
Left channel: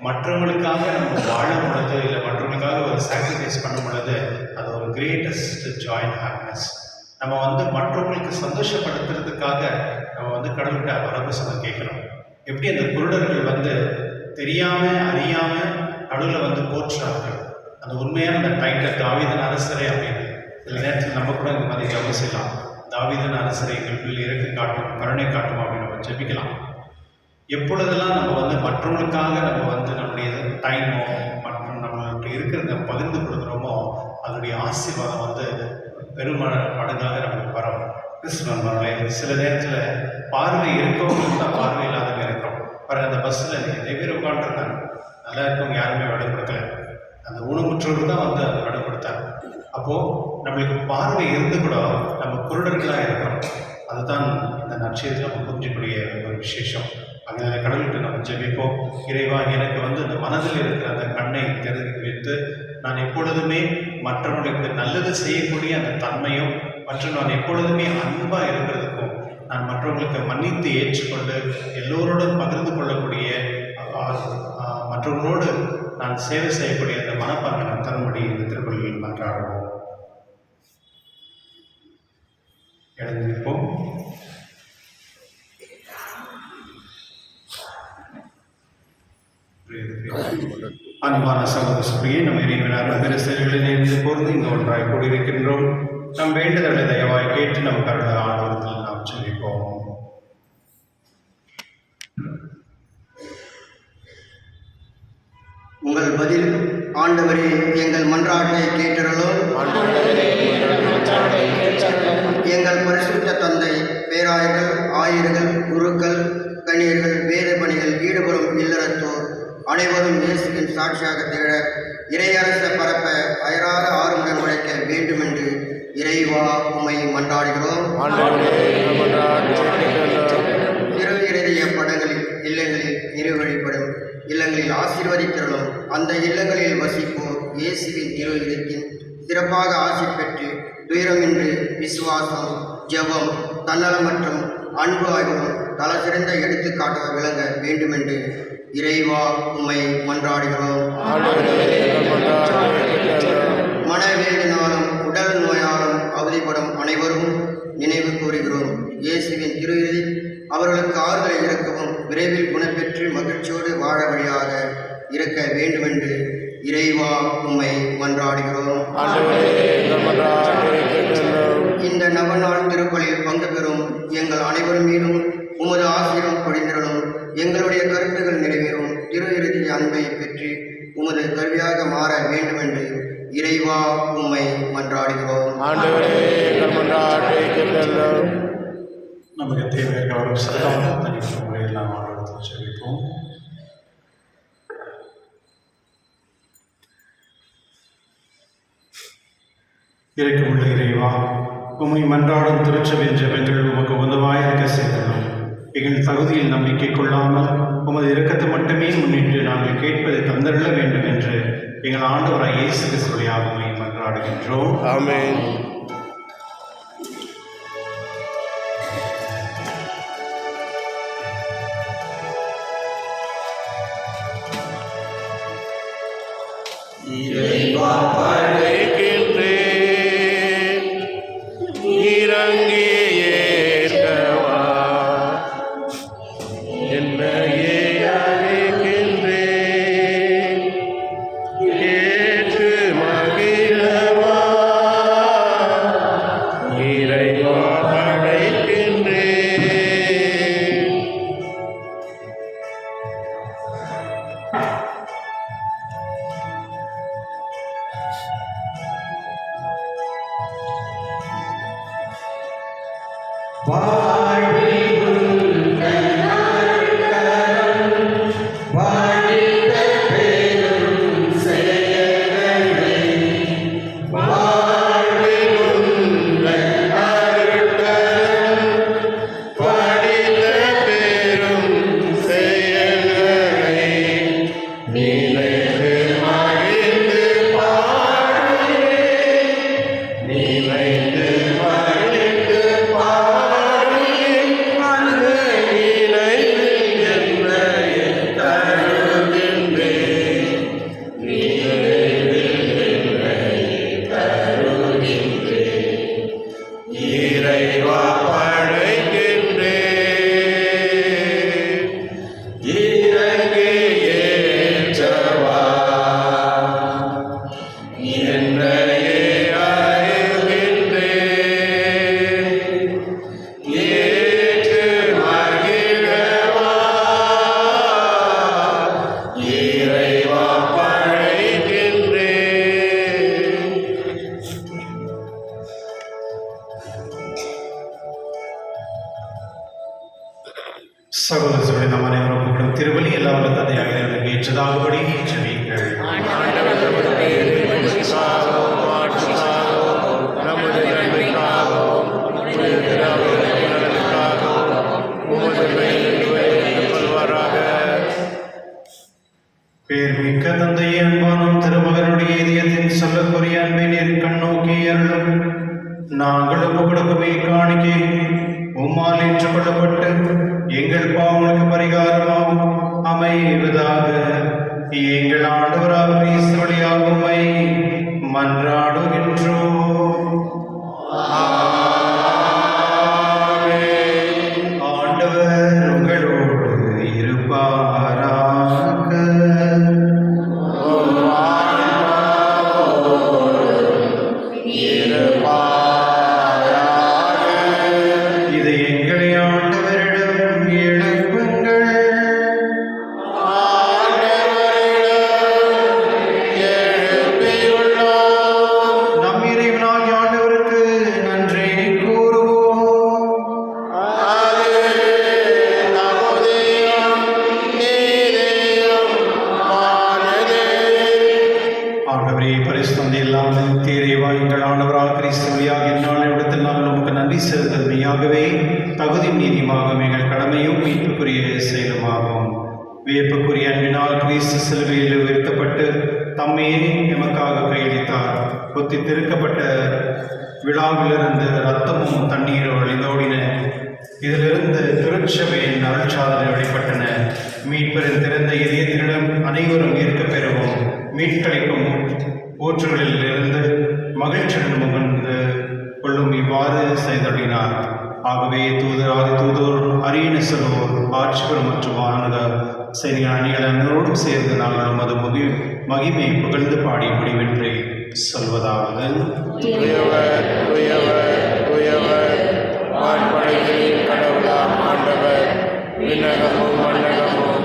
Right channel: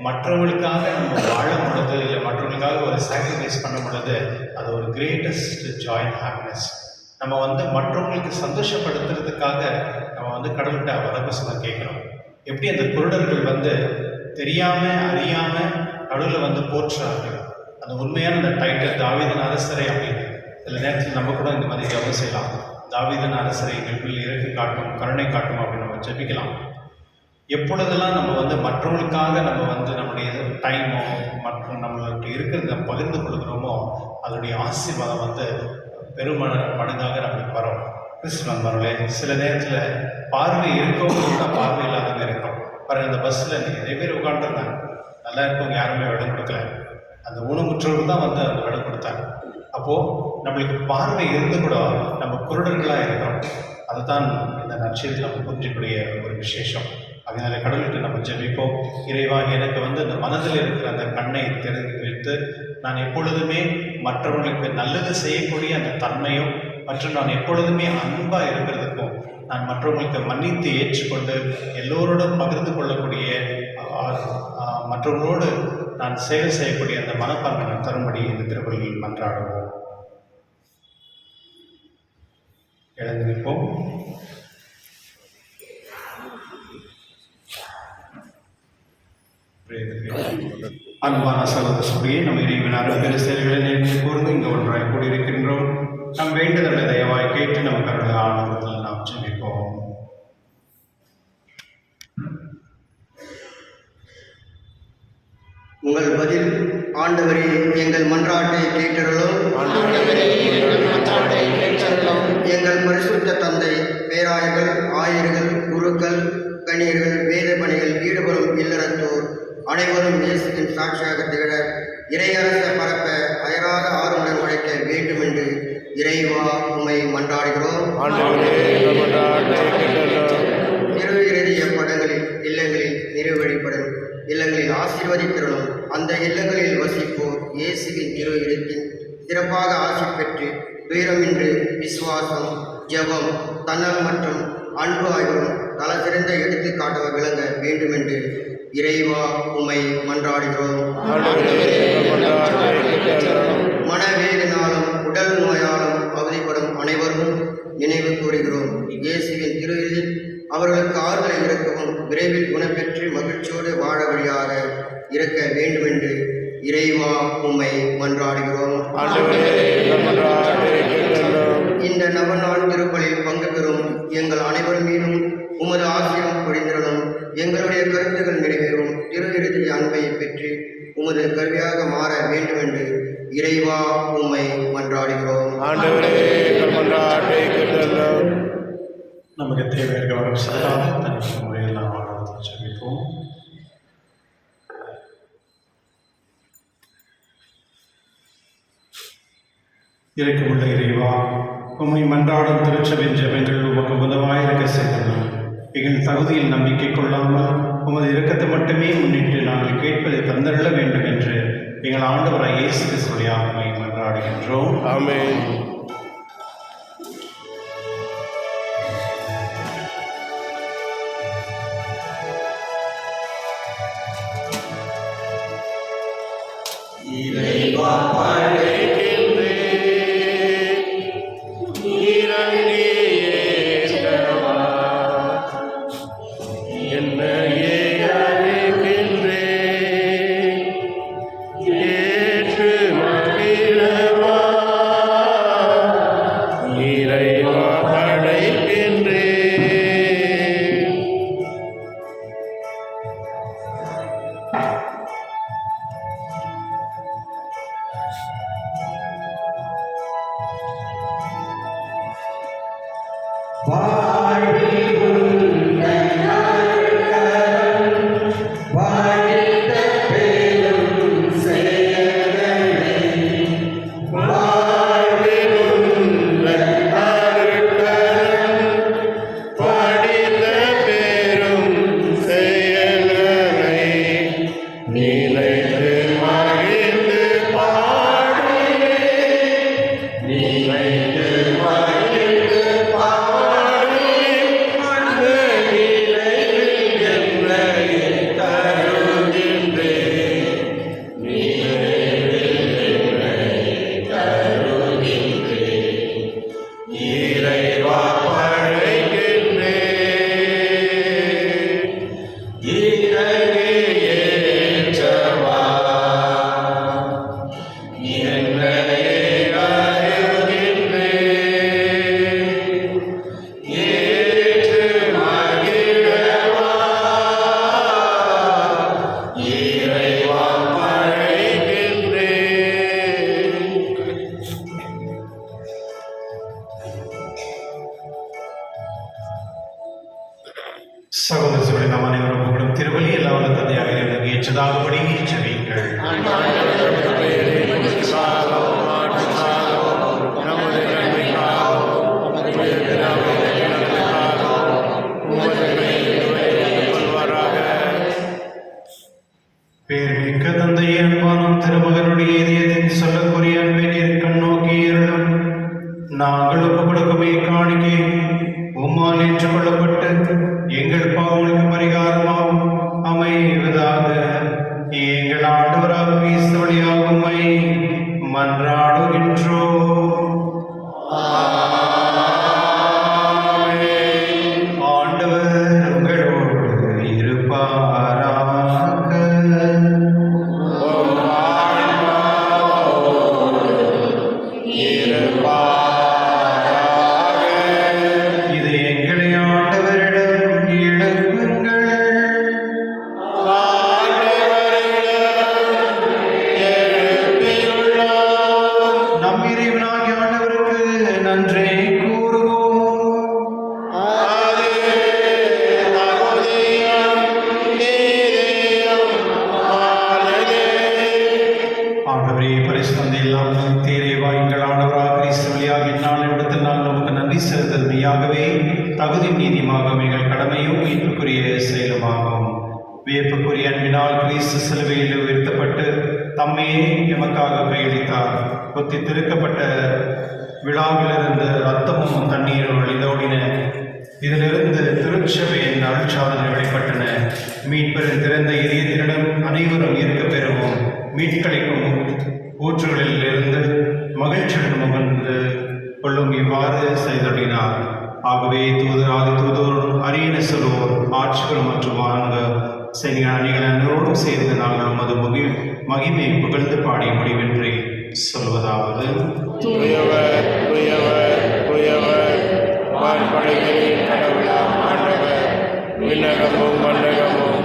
மற்றவங்களுக்காக நம்ம வாழும் பொழுது இல்லை மற்றவங்களுக்காக ஒரு சாக்ரிஃபைஸ் பண்ணும் பொழுது அது ஒரு கிரேட்டஸ்ட் ஜாய் அண்ட் ஹாப்பினஸ். நம்ம வந்து மற்றவங்களுக்கு சந்தோஷப்படுத்துறதுக்காக நம்ம வந்து கடவுள்கிட்ட வரப்பிரசாதம் கேட்கணும். எப்படி அந்த குருடர்கள் வந்து தெரியாமல் அறியாமல் கடவுளை வந்து போற்றுறார்கள், அந்த உண்மையான அந்த டைட்டில் தாவீதின் அரசரை அப்படின்னு. சில நேரத்தில் நம்ம கூட இந்த மாதிரி கவனம் செய்யலாம், தாவீதின் அரசரை எங்களுக்குள் இறக்கி காட்டும் கருணை காட்டும் அப்படின்னு நம்ம ஜெபிக்கலாம். எப்பொழுதெல்லாம் நம்ம வந்து மற்றவங்களுக்காக நம்ம வந்து நம்முடைய டைமோ மற்றும் நம்மளுக்கு இருக்கிறத பகிர்ந்து கொடுக்குறோமோ அதனுடைய ஆசீர்வாதம் வந்து மடங்காக நம்மளுக்கு வரும். கிறிஸ்துவர்களே சில நேரத்தில் பார்வை இருக்கவங்க தான் பார்வை இல்லாதவங்க இருக்கிறோம். பாருங்கள், அந்த பஸ்ஸில் நிறைய பேர் உட்காந்துருந்தாங்க, நல்லா இருக்கவங்க யாருமே இடம் கொடுக்கல, அந்த ஊனமுற்றோடு தான் வந்து அந்த இடம் கொடுத்தாங்க. அப்போது நம்மளுக்கு பார்வை இருந்து கூட நம்ம குருடர்களாக இருக்கிறோம். அதுதான் இந்த நற்செய்தி நம்ம புரிஞ்சிக்கூடிய ஒரு விசேஷம். அதனால கடவுள்கிட்ட நம்ம ஜெபிப்போம். இறைவா, எனக்கு இந்த மனதில் இருக்கிற அந்த கண்ணை திறந்து வைத்து நான் எப்பொழுதுமே மற்றவர்களுக்கு நல்லது செய்யக்கூடிய அந்த தன்மையும் மற்றும் நான் எப்பொழுதுமே அன்பாக இருக்கிறதுக்கும் நான் மற்றவர்களுக்கு மன்னித்து ஏற்றுக்கொண்டு எல்லோரோடும் பகிர்ந்து கொள்ளக்கூடிய மற்றவர்களோடு நான் சேவை செய்யக்கூடிய அந்த மனப்பான்மை நான் தரும்படி இந்த திருப்பலியில் மன்றாடுவோம். எழுந்திருப்போம். அன்பான சகோதரியே, நம்ம இறைவன் அருள் செயல்களில் கூர்ந்து இங்கு ஒன்றாய் கூடியிருக்கின்றோம். நம் வேண்டுதலை தயவாய் கேட்டு நமக்கு அருள் ஆனவர்கள் நாம் ஜெபிப்போம். உங்கள் பதில் ஆண்டவரே எங்கள் மன்றாட்டை கேட்டருளும். எங்கள் பரிசுத்த தந்தை, பேராயர்கள், ஆயர்கள், குருக்கள், கன்னியர்கள், வேத பணிகள் ஈடுபடும் இல்லறத்தோர் அனைவரும் இயேசுவின் சாட்சியாக திகழ இறையரச பரப்ப அயராத ஆர்வமுடன் உழைக்க வேண்டுமென்று இறைவா உம்மை மன்றாடுகிறோம். திரு இறுதிய படங்களில் இல்லங்களில் நிறைவழிப்படும் இல்லங்களில் ஆசீர்வதிக்கிறோம். அந்த இல்லங்களில் வசிப்போர் இயேசுவின் திரு இடத்தின் சிறப்பாக ஆசி பெற்று துயரமின்றி விசுவாசம், ஜெபம், தன்னலம் மற்றும் அன்பு ஆகியோரும் தல சிறந்த எடுத்துக்காட்டாக விளங்க வேண்டுமென்று இறைவா உம்மை மன்றாடுகிறோம். மனவேதனாலும் உடல் நோயாலும் அவதிப்படும் அனைவரும் நினைவு கூறுகிறோம். இயேசுவின் திரு இறுதி அவர்களுக்கு ஆறுதலை இறக்கவும் விரைவில் குணப்பெற்று மகிழ்ச்சியோடு வாழ வழியாக இருக்க வேண்டுமென்று இறைவா உம்மை மன்றாடுகிறோம். இந்த நவநாள் திருப்பலில் பங்கு பெறும் எங்கள் அனைவரும் மீதும் உமது ஆசீர்வாதம் பொழிந்திரணும். எங்களுடைய கருத்துக்கள் நிறைவேறும் திரு இறுதி அன்பை பெற்று உமது கருவியாக மாற வேண்டுமென்று இறைவா உம்மை மன்றாடுகிறோம். நமக்கு தேவையான முறையெல்லாம் ஜெபிப்போம். இருக்குமுள்ள இறைவா, உம்மை மன்றாடும் திருச்சபையின் ஜெபங்கள் உமக்கு உதவாயிருக்க செய்துள்ளோம். எங்கள் தகுதியில் நம்பிக்கை கொள்ளாமல் உமது இரக்கத்தை மட்டுமே முன்னிட்டு நாங்கள் கேட்பதை தந்தருள வேண்டும் என்று எங்கள் ஆண்டவராகிய இயேசு கிறிஸ்துவின் உம்மை மன்றாடுகின்றோம். ஆமென். சகோதரர்களே, நாம் அனைவரும் திருவள்ளி எல்லாரும் தந்தையாக ஏற்றதாகபடி ஜெபியுங்கள். ஆண்டவர் நமது பெயரை நமக்காகவும் மாற்றுக்காகவும் நமது நன்மைக்காகவும் நலனுக்காகவும் பேர்மிக்க தந்தையே, அன்பானும் திருமகனுடைய இதயத்தின் சொல்லக்கூடிய அன்பை நீர் கண்ணோக்கி அருளும். நாங்கள் கொடுக்குமே காணிக்கை உம்மால் ஏற்றுக்கொள்ளப்பட்டு எங்கள் பாவங்களுக்கு பரிகாரமாகும் அமைவதாக. எங்கள் ஆண்டவராக கிறிஸ்து வழியாக உம்மை மன்றாடுகின்றோம். ஆண்டவர் உங்களோடு இருப்பாராக. இதை எங்களை ஆண்டவரிடம் எழுப்புங்கள். நம் இறைவனாகிய ஆண்டவருக்கு நன்றி கூறுவோம். ஆண்டவரே, பரிசுத்தந்தை இல்லாமல் தீரைவா எங்கள் ஆண்டவராக கிறிஸ்துவியாக இந்நாளிடத்தில் நாங்கள் நமக்கு நன்றி செலுத்தல் மெய்யாகவே தகுதி நீதியாக எங்கள் கடமையும் மீட்புக்குரிய செயலுமாகும். வியப்புக்குரிய அன்பினால் கிறிஸ்து சிலுவையில் உயர்த்தப்பட்டு தம்மையே எமக்காக கையளித்தார். கொத்தி திருக்கப்பட்ட விழாவிலிருந்து ரத்தமும் தண்ணீரும் வழிந்தோடின. இதிலிருந்து திருச்சபையின் அருட்சாதனை வெளிப்பட்டன. மீட்பரின் திறந்த இதயத்தினிடம் அனைவரும் இருக்க பெறுவோம். மீட்களைக்கும் ஊற்றுகளில் இருந்து மகிழ்ச்சியுடன் முகந்து கொள்ளும் இவ்வாறு செய்தடினார். ஆகவே ஆதி தூதர் அரியணை சொல்வோர் ஆட்சிபுரம் மற்றும் மாநக சைனிக அணிகள் அனைவரோடும் சேர்ந்து நாங்கள் நமது மகிமை புகழ்ந்து பாடி முடிவின்றி சொல்வதாவது: தூயவர் தூயவர் தூயவர் வான்படைகளின் கடவுளாம் ஆண்டவர், விண்ணகமும் மண்ணகமும்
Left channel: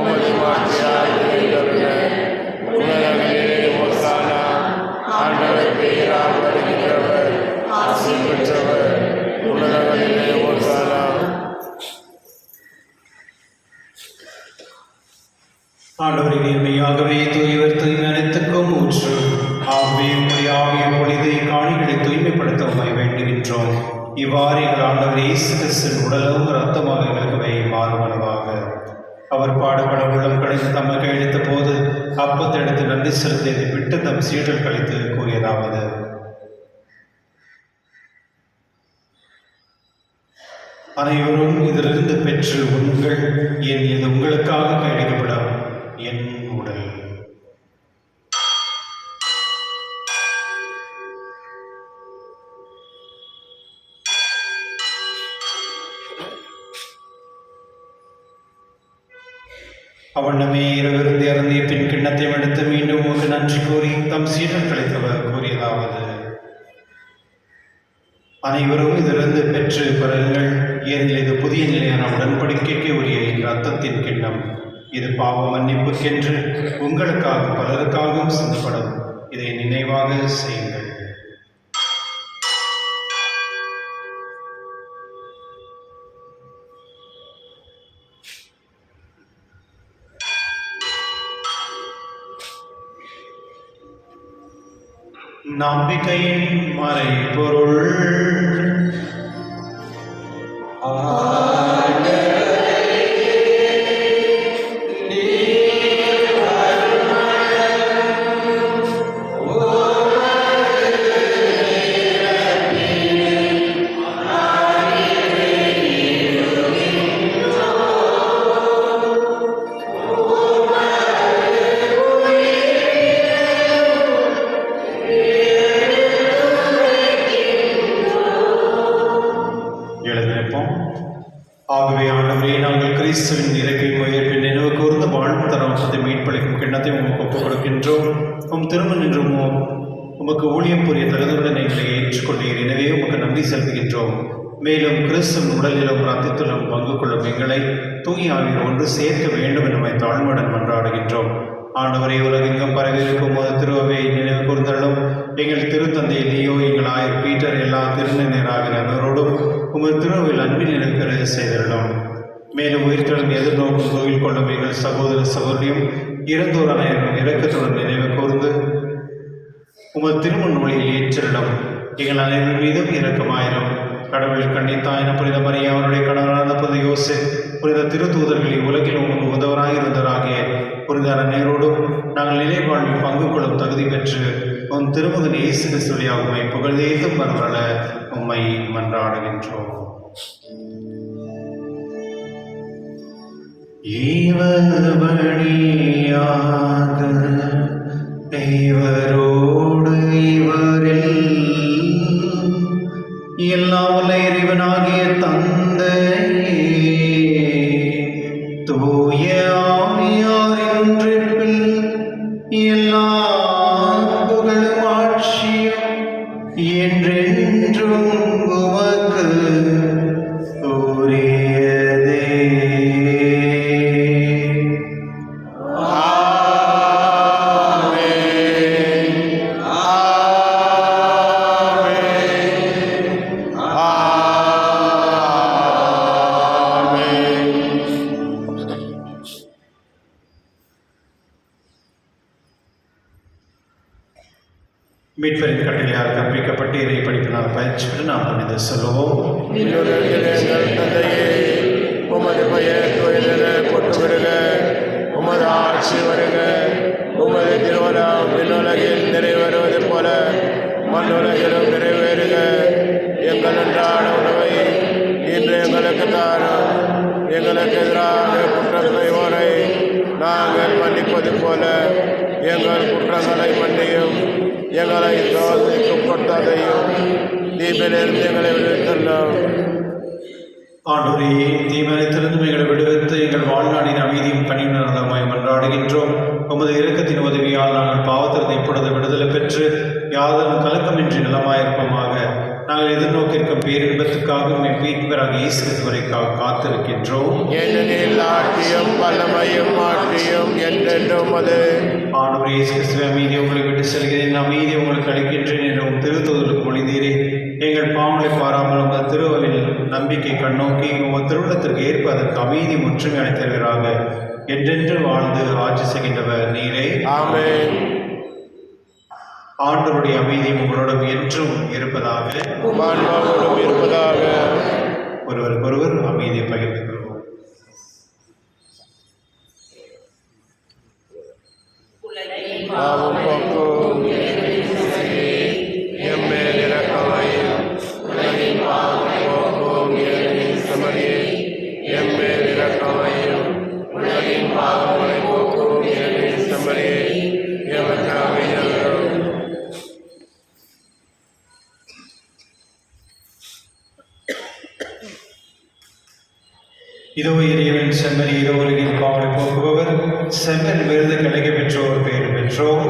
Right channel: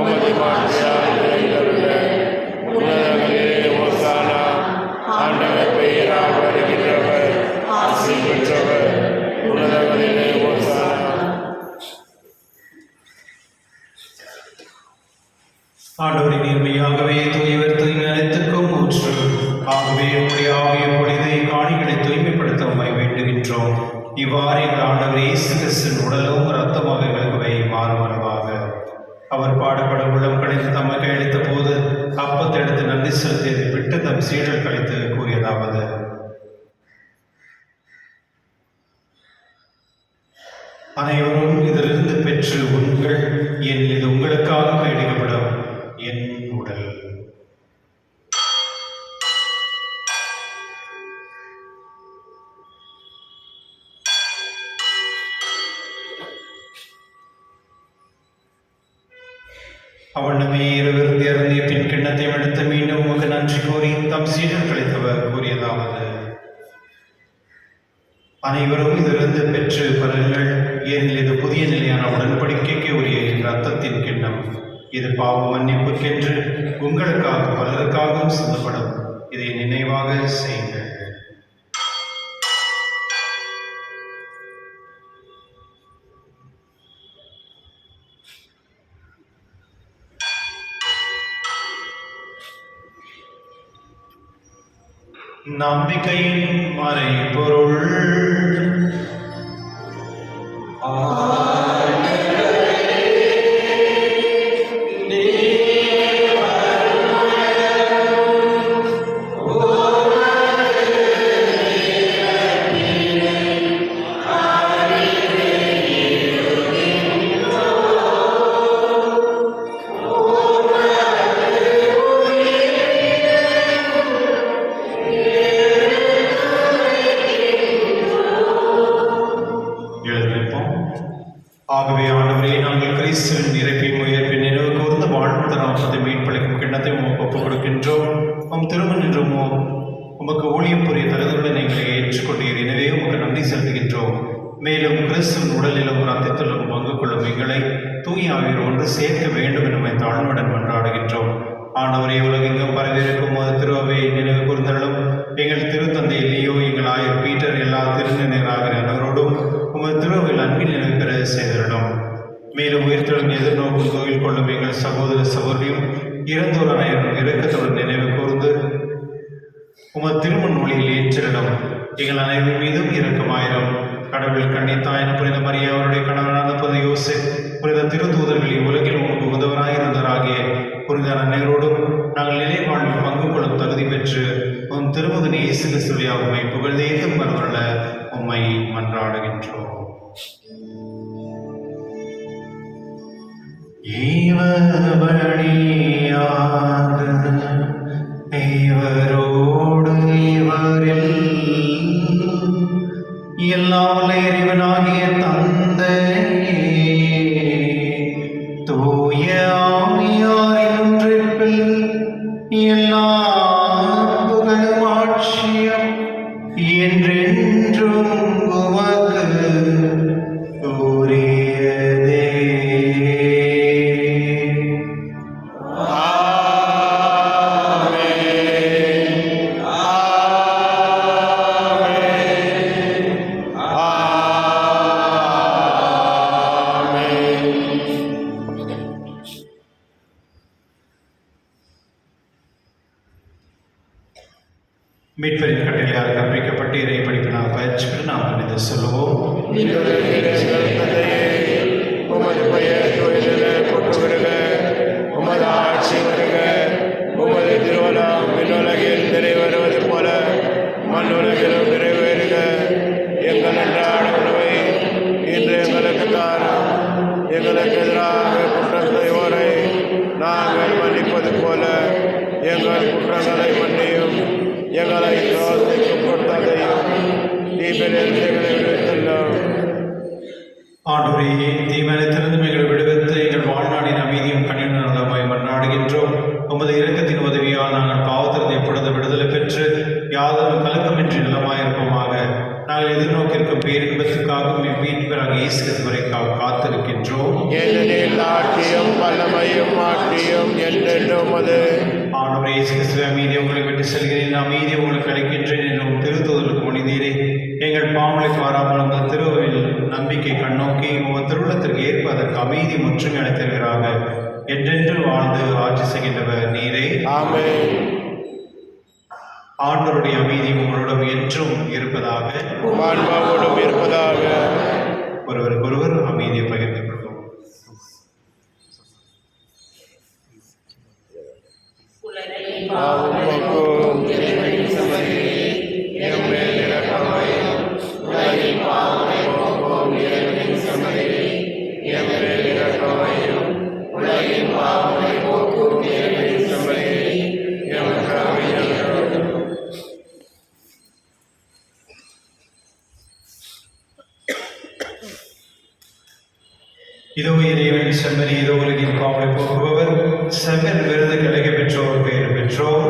உமது மாற்றியால் நிறைந்தருள. உணரங்களிலே ஓசானா, ஆண்டவர் பெயரால் வருகின்றவர் ஆசி பெற்றவர். உணரங்களிலே ஓசானா. ஆண்டவரின் நேர்மையாகவே தூயவர் தூய்மை அனைத்துக்கும் ஊற்று. ஆகவே உங்களுடைய ஆவிய பொழுதை காணிகளை தூய்மைப்படுத்த உம்மை வேண்டுகின்றோம். இவ்வாறு எங்கள் ஆண்டவர் இயேசு கிறிஸ்துவின் உடலும் இரத்தமாக எங்களுக்கு மாறுவனவாக. அவர் பாடுபட உள்ளம் கழித்து தமக்கு அளித்த போது அப்பத்தை எடுத்து நன்றி செலுத்தி விட்டு தம் சீடர் கழித்து கூறியதாவது: அனைவரும் இதிலிருந்து பெற்று உங்கள் என் இது உங்களுக்காக கையளிக்கப்படும் என் உடல். அவனமே இருவிருந்து இறந்திய பின் கிண்ணத்தை எடுத்து மீண்டும் உண்டு நன்றி கூறி தம் சீடர்களுக்கு கூறியதாவது: அனைவரும் இதிலிருந்து பெற்று கொள்ளுங்கள். ஏனெனில் இது புதிய நிலையான உடன்படிக்கைக்கு உரிய இரத்தத்தின் கிண்ணம். இது பாவ மன்னிப்புக்கென்று உங்களுக்காக பலருக்காகவும் சிந்தப்படும். இதை நினைவாக செய்யுங்கள். நம்பிக்கையின் மறைபொருள். ஆகவே ஆண்டவரே, நாங்கள் கிறிஸ்துவின் இறப்பையும் உயிர்ப்பின் நினைவு கூர்ந்து வாழ்ந்து நாமத்தை மீட்பளிக்கும் கிண்ணத்தை உமக்கு ஒப்புக் கொடுக்கின்றோம். உம் திருமணின்றோமோ உமக்கு ஊழியம் புரிய தகுதியுடன் எங்களை ஏற்றுக்கொண்டீர். எனவே உமக்கு நன்றி செலுத்துகின்றோம். மேலும் கிறிஸ்துவின் உடலிலும் ரத்தத்திலும் பங்கு கொள்ளும் எங்களை தூய ஆவியில் ஒன்று சேர்க்க வேண்டும் என்பதை தாழ்மையுடன் மன்றாடுகின்றோம். ஆண்டவரே, உலகெங்கும் பரவிருக்கும் உமது திருவை நினைவு கூர்ந்தள்ளும். எங்கள் திருத்தந்தை லியோ, எங்கள் ஆயர் பீட்டர், எல்லா திருநிலையராகிற அனைவரோடும் உமது திருவில் அன்பில் நினைவு பெற செய்துள்ளோம். மேலும் உயிர்த்தெழும் எதிர்நோக்கும் கோவில் கொள்ளும் எங்கள் சகோதர சகோதரியும் இறந்தோர் அனைவரும் இரக்கத்துடன் நினைவு கூர்ந்து உமது திருமண் மொழியில் ஏற்றிடம். எங்கள் அனைவர் மீதும் இரக்கமாயிரும். கடவுள் கண்ணித்தாயின் புனித மரியா, அவருடைய கணவனான புனித யோசேப், புனித திருத்தூதர்களின் உலகில் உமக்கு உதவராயிருந்தவராகிய புரிதான அனைவரோடும் நாங்கள் நிலை வாழ்வில் பங்கு கொள்ளும் தகுதி பெற்று உன் திருமகன் இயேசு கிறிஸ்துவியாக உம்மை புகழ்ந்தேத்து மறந்துள்ள உம்மை மன்றாடுகின்றோம். தேவரோடு இவரில் எல்லாம் இறைவனாகிய தந்தையே, தூய ஆவியாரின் ஒன்றிப்பில் எல்லா புகழும் ஆட்சியும் என்றென்றும் உமக்கு உரியதே. மீட்பரின் கட்டளையால் கற்பிக்கப்பட்டு இறை படிப்பினால் பயிற்சி பெற்று நாம் பணிந்து சொல்லுவோம். எங்கள் தந்தையே, உமது பெயர் தூயதென போற்று வருக, உமது ஆட்சி வருக, உமது திருவலம் விண்ணுலகில் நிறைவேறுவது போல மண்ணுலகிலும் நிறைவேறுக. எங்கள் அன்றாட உணவை இன்று எங்களுக்கு தாரும். எங்களுக்கு எதிராக குற்றம் செய்வோரை நாங்கள் மன்னிப்பது போல எங்கள் குற்றங்களை மன்னியும். எங்களை சோதனைக்கு உட்படுத்தாதையும், தீமையிலிருந்து எங்களை விடுவித்தல்லும். ஆண்டவரே, தீமையிலிருந்து எங்களை விடுவித்து எங்கள் வாழ்நாளின் அமைதியும் கனிவுணர்ந்தமையும் மன்றாடுகின்றோம். உமது இரக்கத்தின் உதவியால் நாங்கள் பாவத்திற்கு எப்பொழுது விடுதலை பெற்று யாதொரு கலக்கமின்றி நலமாயிருப்போமாக. நாங்கள் எதிர்நோக்கியிருக்கும் பேரின்பத்துக்காகவும் மீட்பராக இயேசு கிறிஸ்துவிற்காக காத்திருக்கின்றோம். ஏனெனில் ஆட்சியும் வல்லமையும் மாற்றியும் என்றென்றும் அது. ஆண்டவரே இயேசு கிறிஸ்துவே, அமைதியை உங்களை விட்டு செல்கிறேன், அமைதியை உங்களுக்கு அளிக்கின்றேன் என்றும் திருத்தூதருக்கு மொழிந்தீரே. எங்கள் பாவங்களுக்கு வராமல் உங்கள் திருவில் நம்பிக்கை கண்ணோக்கி உங்கள் திருவிழத்திற்கு ஏற்ப அதற்கு அமைதி முற்றும் என தருகிறாங்க. என்றென்று வாழ்ந்து ஆட்சி செய்கின்றவர் நீரே. ஆமென். ஆண்டவருடைய அமைதி உங்களோடும் என்றும் இருப்பதாக, ஆன்மாவோடும் இருப்பதாக. ஒருவருக்கொருவர் அமைதியை பகிர்ந்து கொள்வோம். பாவம் போக்கும் எம்மேல் இரக்கமையும், உலகின் பாவம் போக்கும் இறைவனின் செம்மறியே, எம்மேல் இரக்கமையும், உலகின் பாவங்களை போக்கும் இறைவனின் செம்மறியே, எமக்கு அமைதியருளும். இதோ இறைவன் செம்மறி, இதோ உலகின் பாவங்களை போக்குபவர், செம்மறி விருது கிடைக்க பெற்றோர் பெயர் பெற்றோர்.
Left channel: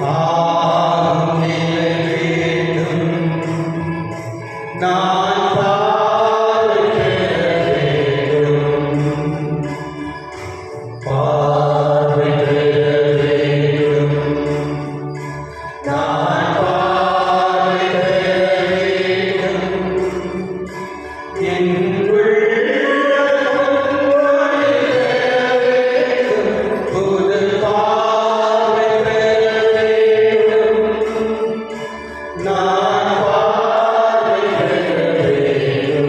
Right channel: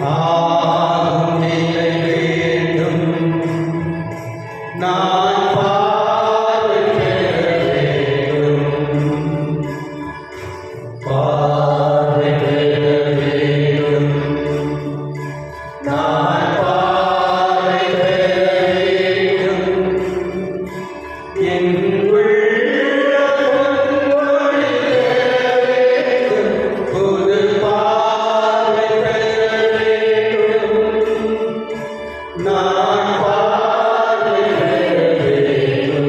ஆகும் நிலை வேண்டும். நான் பார்வை பெற வேண்டும்.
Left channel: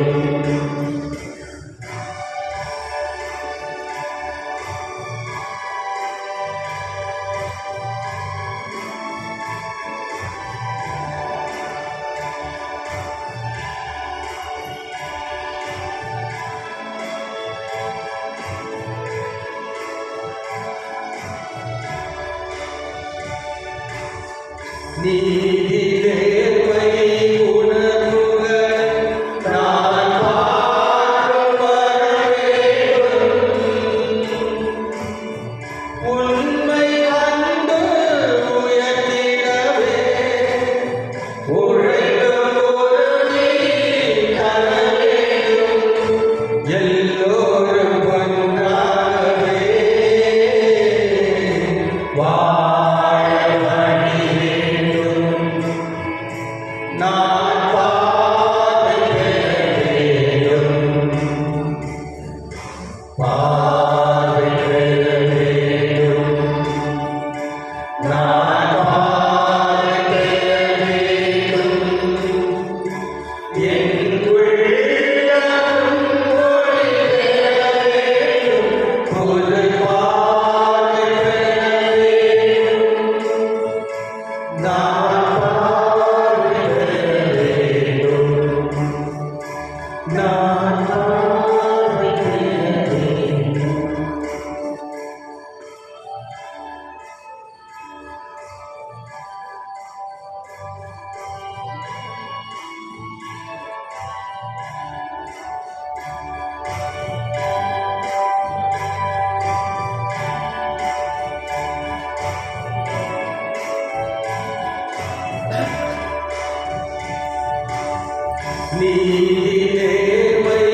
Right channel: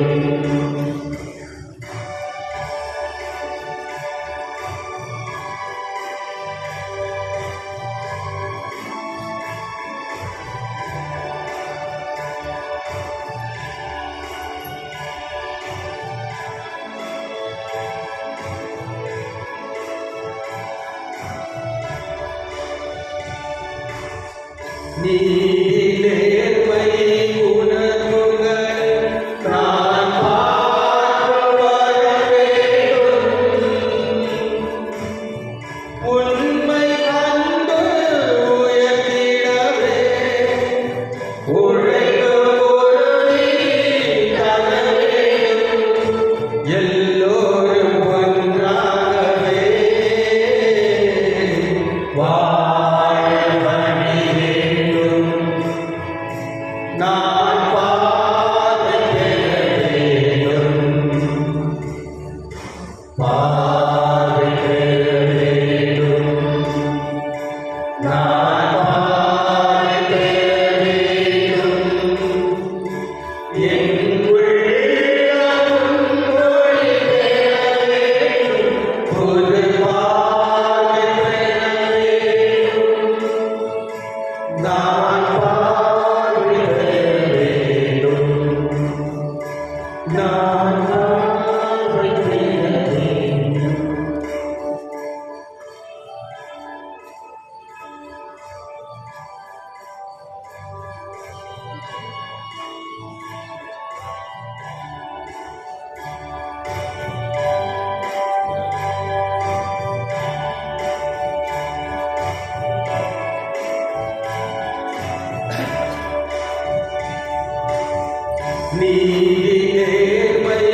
நீதிநேர்மை உணர்வுகள் நான் பார்வை வர வேண்டும். உண்மை அன்பு உயர்த்திடவே உழைக்கும் பொருளை தர வேண்டும். எல்லோரும் ஒன்றாகவே வாழ வழி வேண்டும். நான் பார்வை பெற வேண்டும். பார்வை பெற வேண்டும். நான் பார்வை பெற வேண்டும். என் உள்ளம் ஒளி பெற வேண்டும். புது பார்வை பெற வேண்டும். நான் பார்வை பெற வேண்டும். நான் பார்வை பெற வேண்டும். நீதிநேர்மை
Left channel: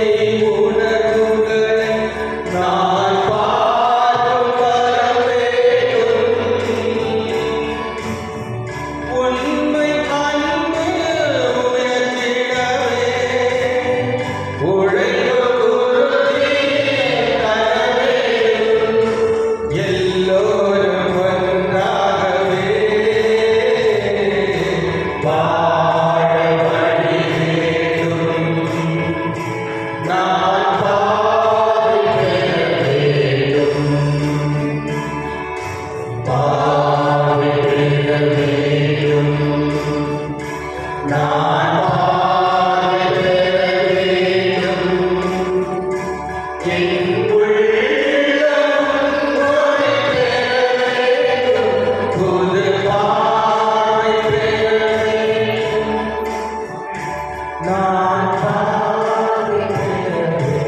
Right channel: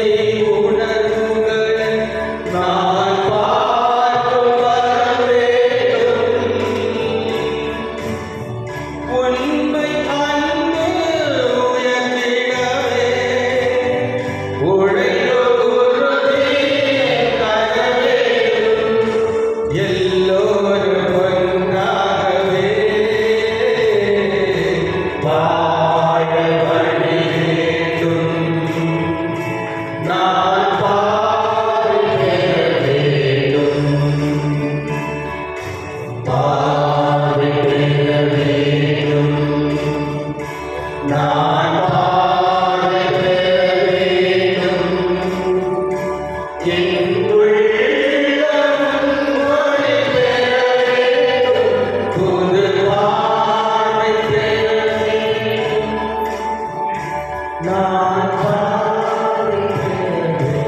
உணர்வுகள் நான் பார்வை வர வேண்டும். உண்மை அன்பு உயர்த்திடவே உழைக்கும் உறுதி தர வேண்டும். எல்லோரும் ஒன்றாகவே வாழ வழி வேண்டும். நான் பார்வை பெற வேண்டும். பார்வை பெற வேண்டும். நான் பார்வை பெற வேண்டும். என் உள்ளம் ஒளி பெற வேண்டும். புது பார்வை பெற வேண்டும். நான் பார்வை பெற வேண்டும்.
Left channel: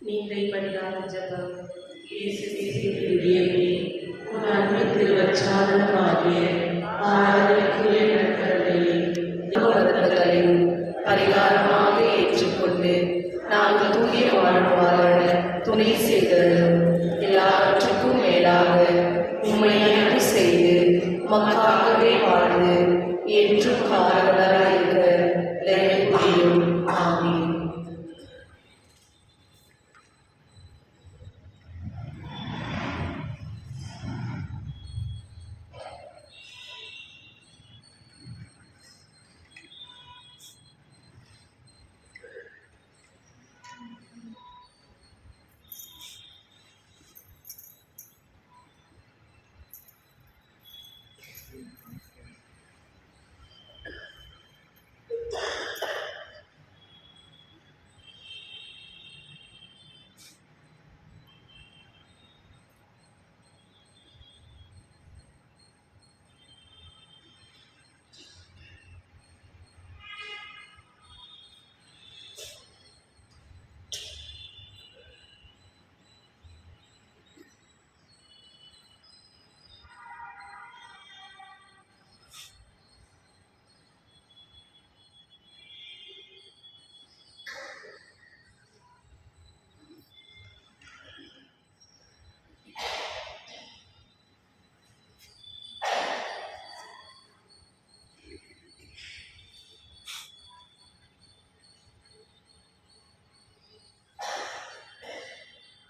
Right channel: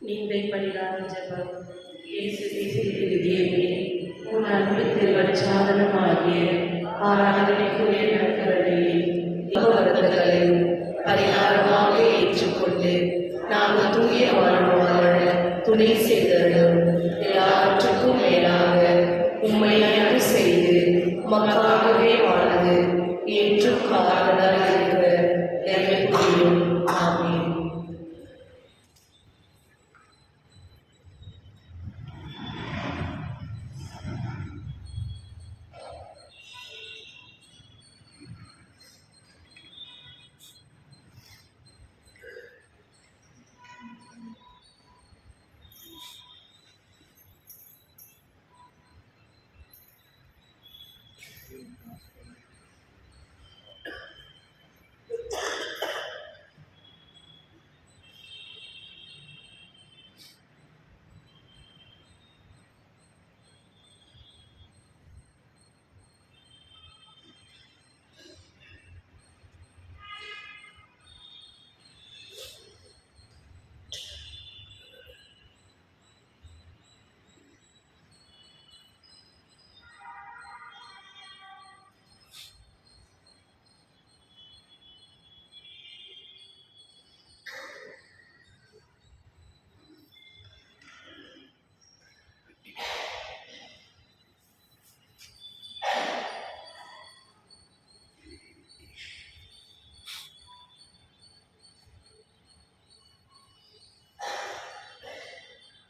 நீந்தை பரிகார ஜபம். இயேசுவே சிறியமே உன் அன்பு திருவச்சாதனமாகிய ஆராதனைக்குரிய நடக்கலையும் பரிகாரமாக ஏற்றுக்கொண்டு நாங்கள் தூய வாழ்வு வாழ துணை செய்தலும் எல்லாவற்றுக்கும் மேலாக உம்மை அன்பு செய்து மக்களாகவே வாழ்ந்து என்றும் காரணமாக இருக்கிற புரியும். ஆமென்.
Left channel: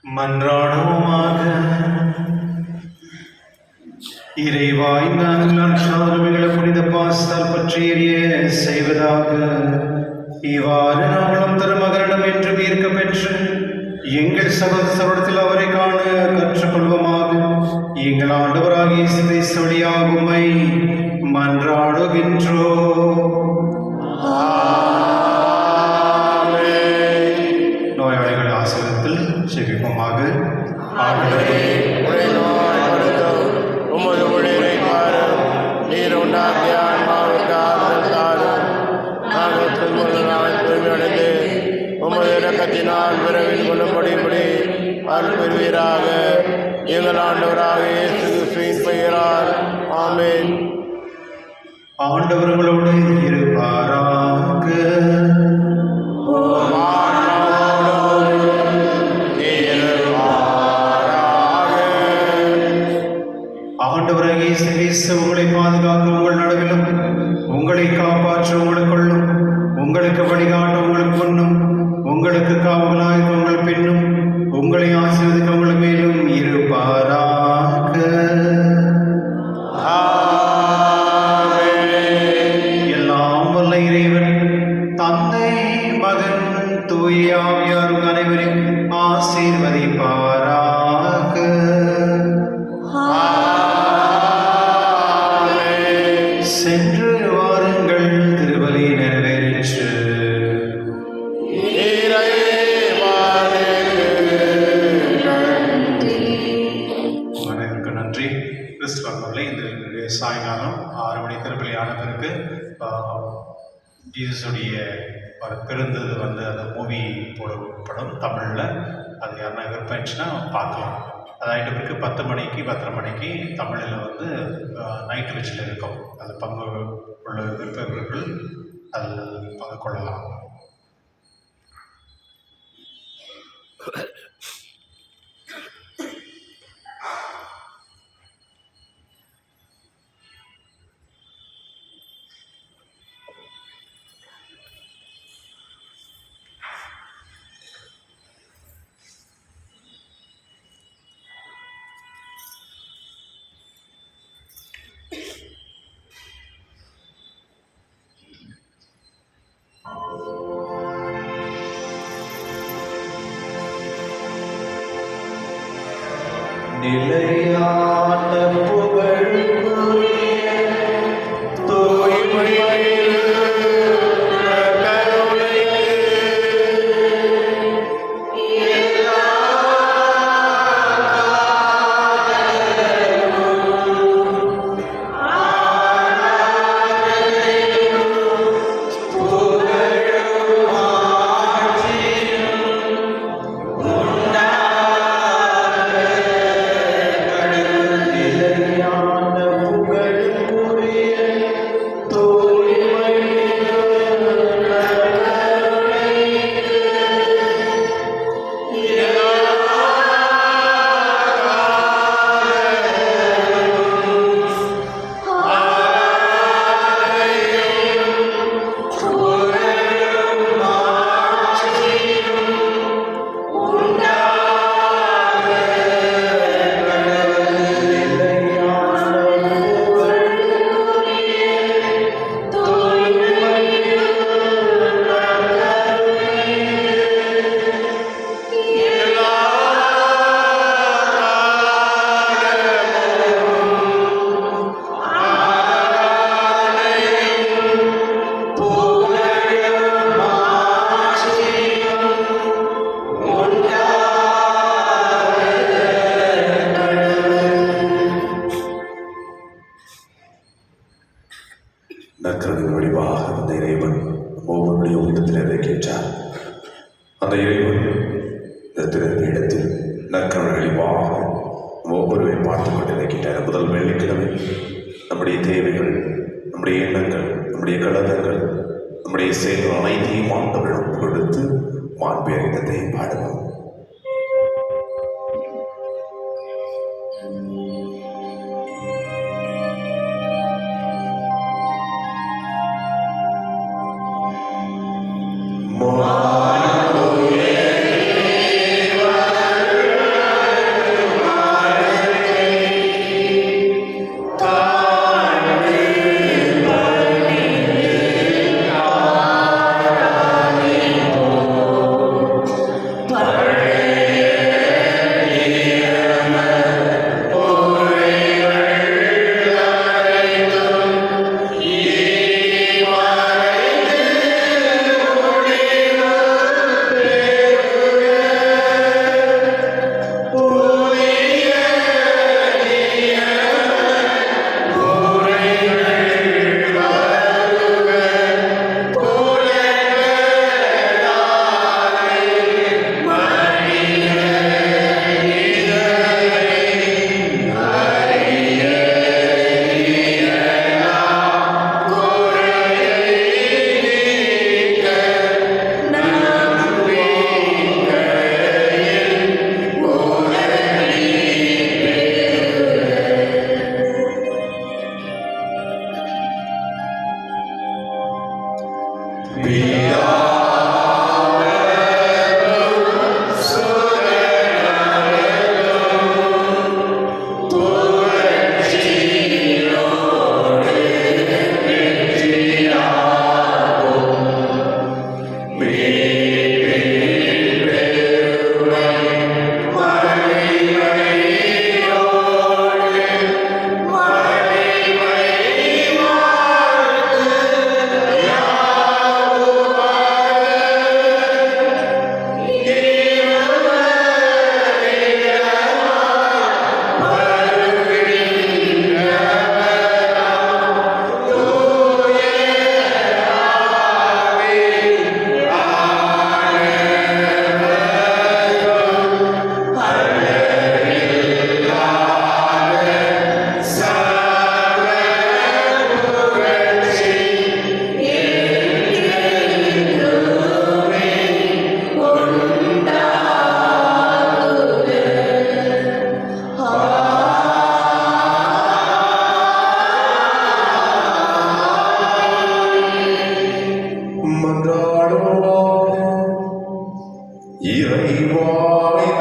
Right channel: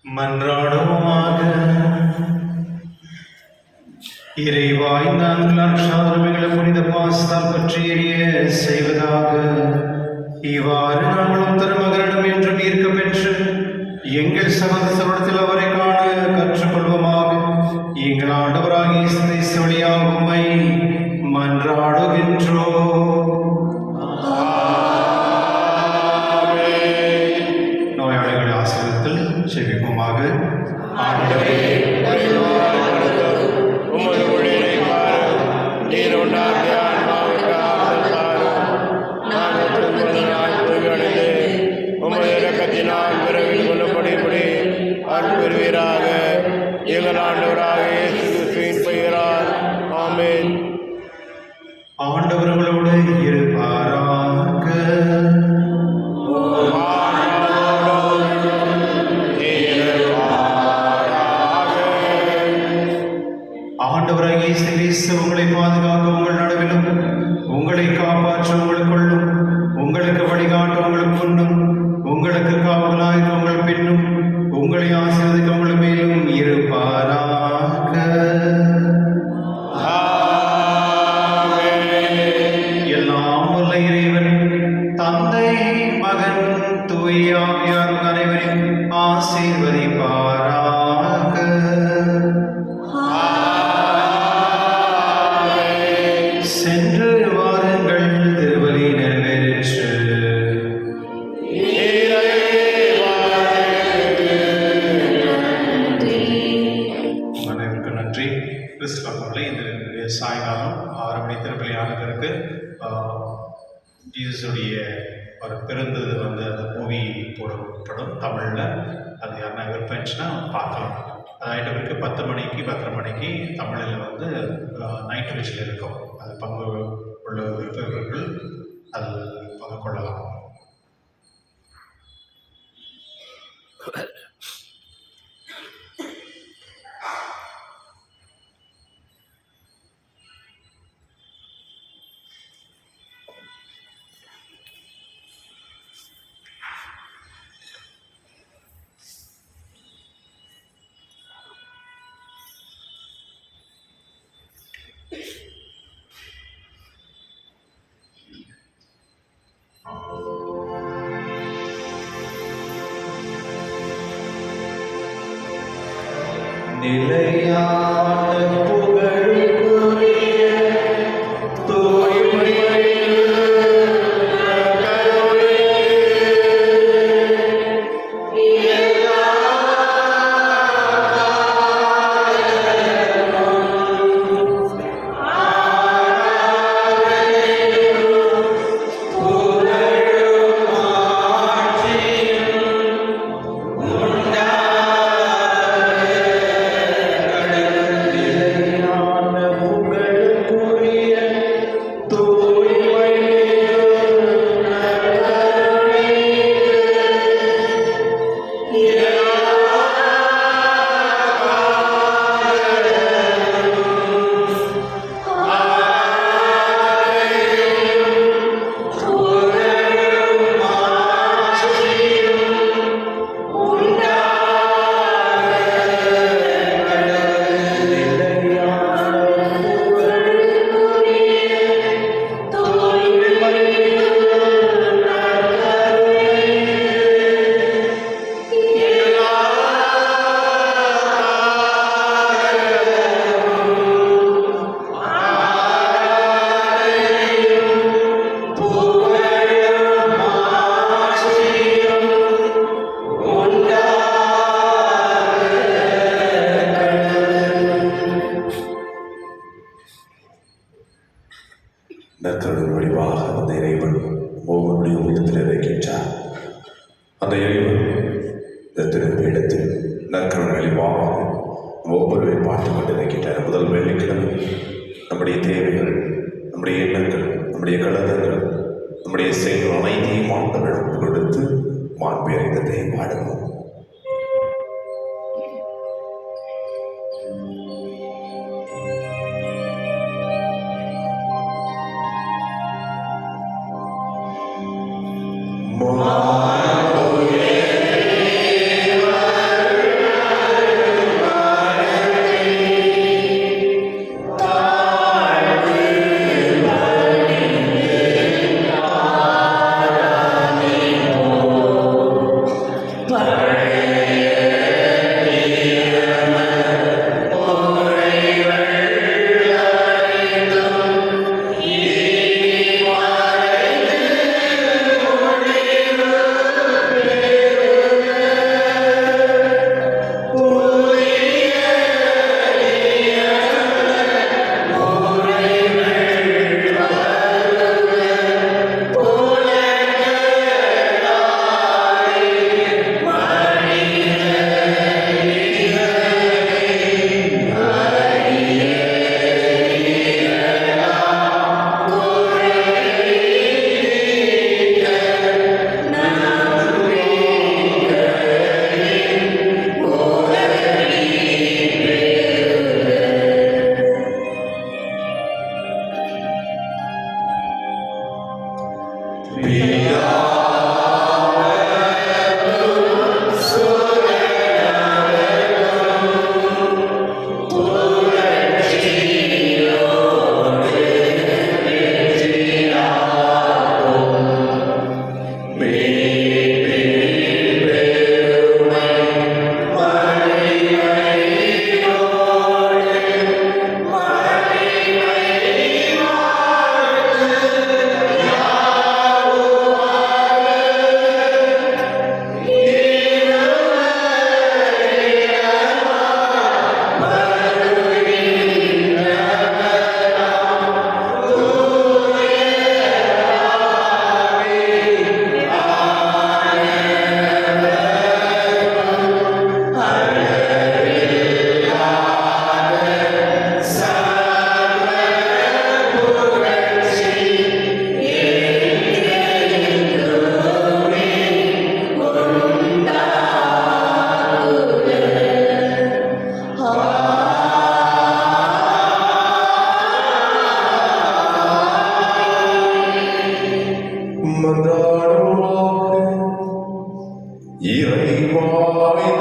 மன்றாடுவோமாக. இறைவாய் நாங்கள் அன்றாடமைகளை புனித பாஸ்தால் பற்றி எரிய செய்வதாக. இவ்வாறு நாங்களும் திருமகனிடம் என்று ஈர்க்க பெற்று எங்கள் சகோதரத்தில் அவரை காண கற்றுக்கொள்வோமாக. எங்கள் ஆண்டவராகிய இயேசு கிறிஸ்து வழியாக உம்மை மன்றாடுகின்றோம். நோயாளிகள் ஆசிரியத்தில் செவிப்போமாக. ஆண்டவரே, உம்மை நோய் மருந்தும் உமது ஊழியரை பாரும். நீர் உண்டாக்கிய ஆன்மாவுக்கு ஆறுதல் தாரும். நாங்கள் துன்பங்களால் தூய்மையடைந்து உமது இரக்கத்தினால் விரைவில் கொள்ளப்படும்படி அருள் பெறுவீராக. எங்கள் ஆண்டவராக இயேசு கிறிஸ்துவின் பெயரால் ஆமென். ஆண்டவர்களோடு இருப்பாராக. ஆண்டவராகிய இயேசு கிறிஸ்து உங்களை பாதுகாக்க உங்கள் நடுவிலும், உங்களை காப்பாற்ற உங்களுக்குள்ளும், உங்களுக்கு வழிகாட்ட உங்களுக்கு முன்னும், உங்களுக்கு காவலாக உங்கள் பின்னும், உங்களை ஆசீர்வதிக்க உங்கள் மேலும் இருப்பாராக. எல்லாம் வல்ல இறைவன் தந்தை, மகன், தூய ஆவியார் அனைவரையும் ஆசீர்வதிப்பாராக. சென்று வாருங்கள், திருப்பலி நிறைவேறிற்று. அனைவருக்கும் நன்றி. கிறிஸ்துவர்களை இந்த சாயங்காலம் 6 மணி திருப்பலி ஆனதற்கு ஜீசஸுடைய ஒரு பிறந்தது அந்த மூவி போடப்படும் தமிழில். அது யாருன்னா விருப்பச்சுன்னா பார்க்கலாம். அதாயிட்ட பிறகு 10 மணிக்கு 10:30 மணிக்கு தமிழில் நைட் விச்சில் இருக்கும். அது பங்கு உள்ள விருப்பவர்கள் அதில் பங்கு கொள்ளலாம். நிலையான புகழுக்குரிய நற்கருணை வடிவாக அந்த இறைவன் ஒவ்வொருடைய உள்ளத்தில் இறக்கின்றார். அந்த இறைவன் இந்த திருப்பீடத்தில் நற்கருணை வடிவாக ஒவ்வொருவரை பார்த்து கொண்டு இறக்கின்றார். முதல் வெள்ளிக்கிழமை நம்முடைய தேவைகள், நம்முடைய எண்ணங்கள், நம்முடைய கலகங்கள், நம்முடைய செயல்கள் அனைத்தையும் ஆண்டவரிடம் கொடுத்து மாண்பு அறிந்ததை பாடுவோம். More இறைவாய்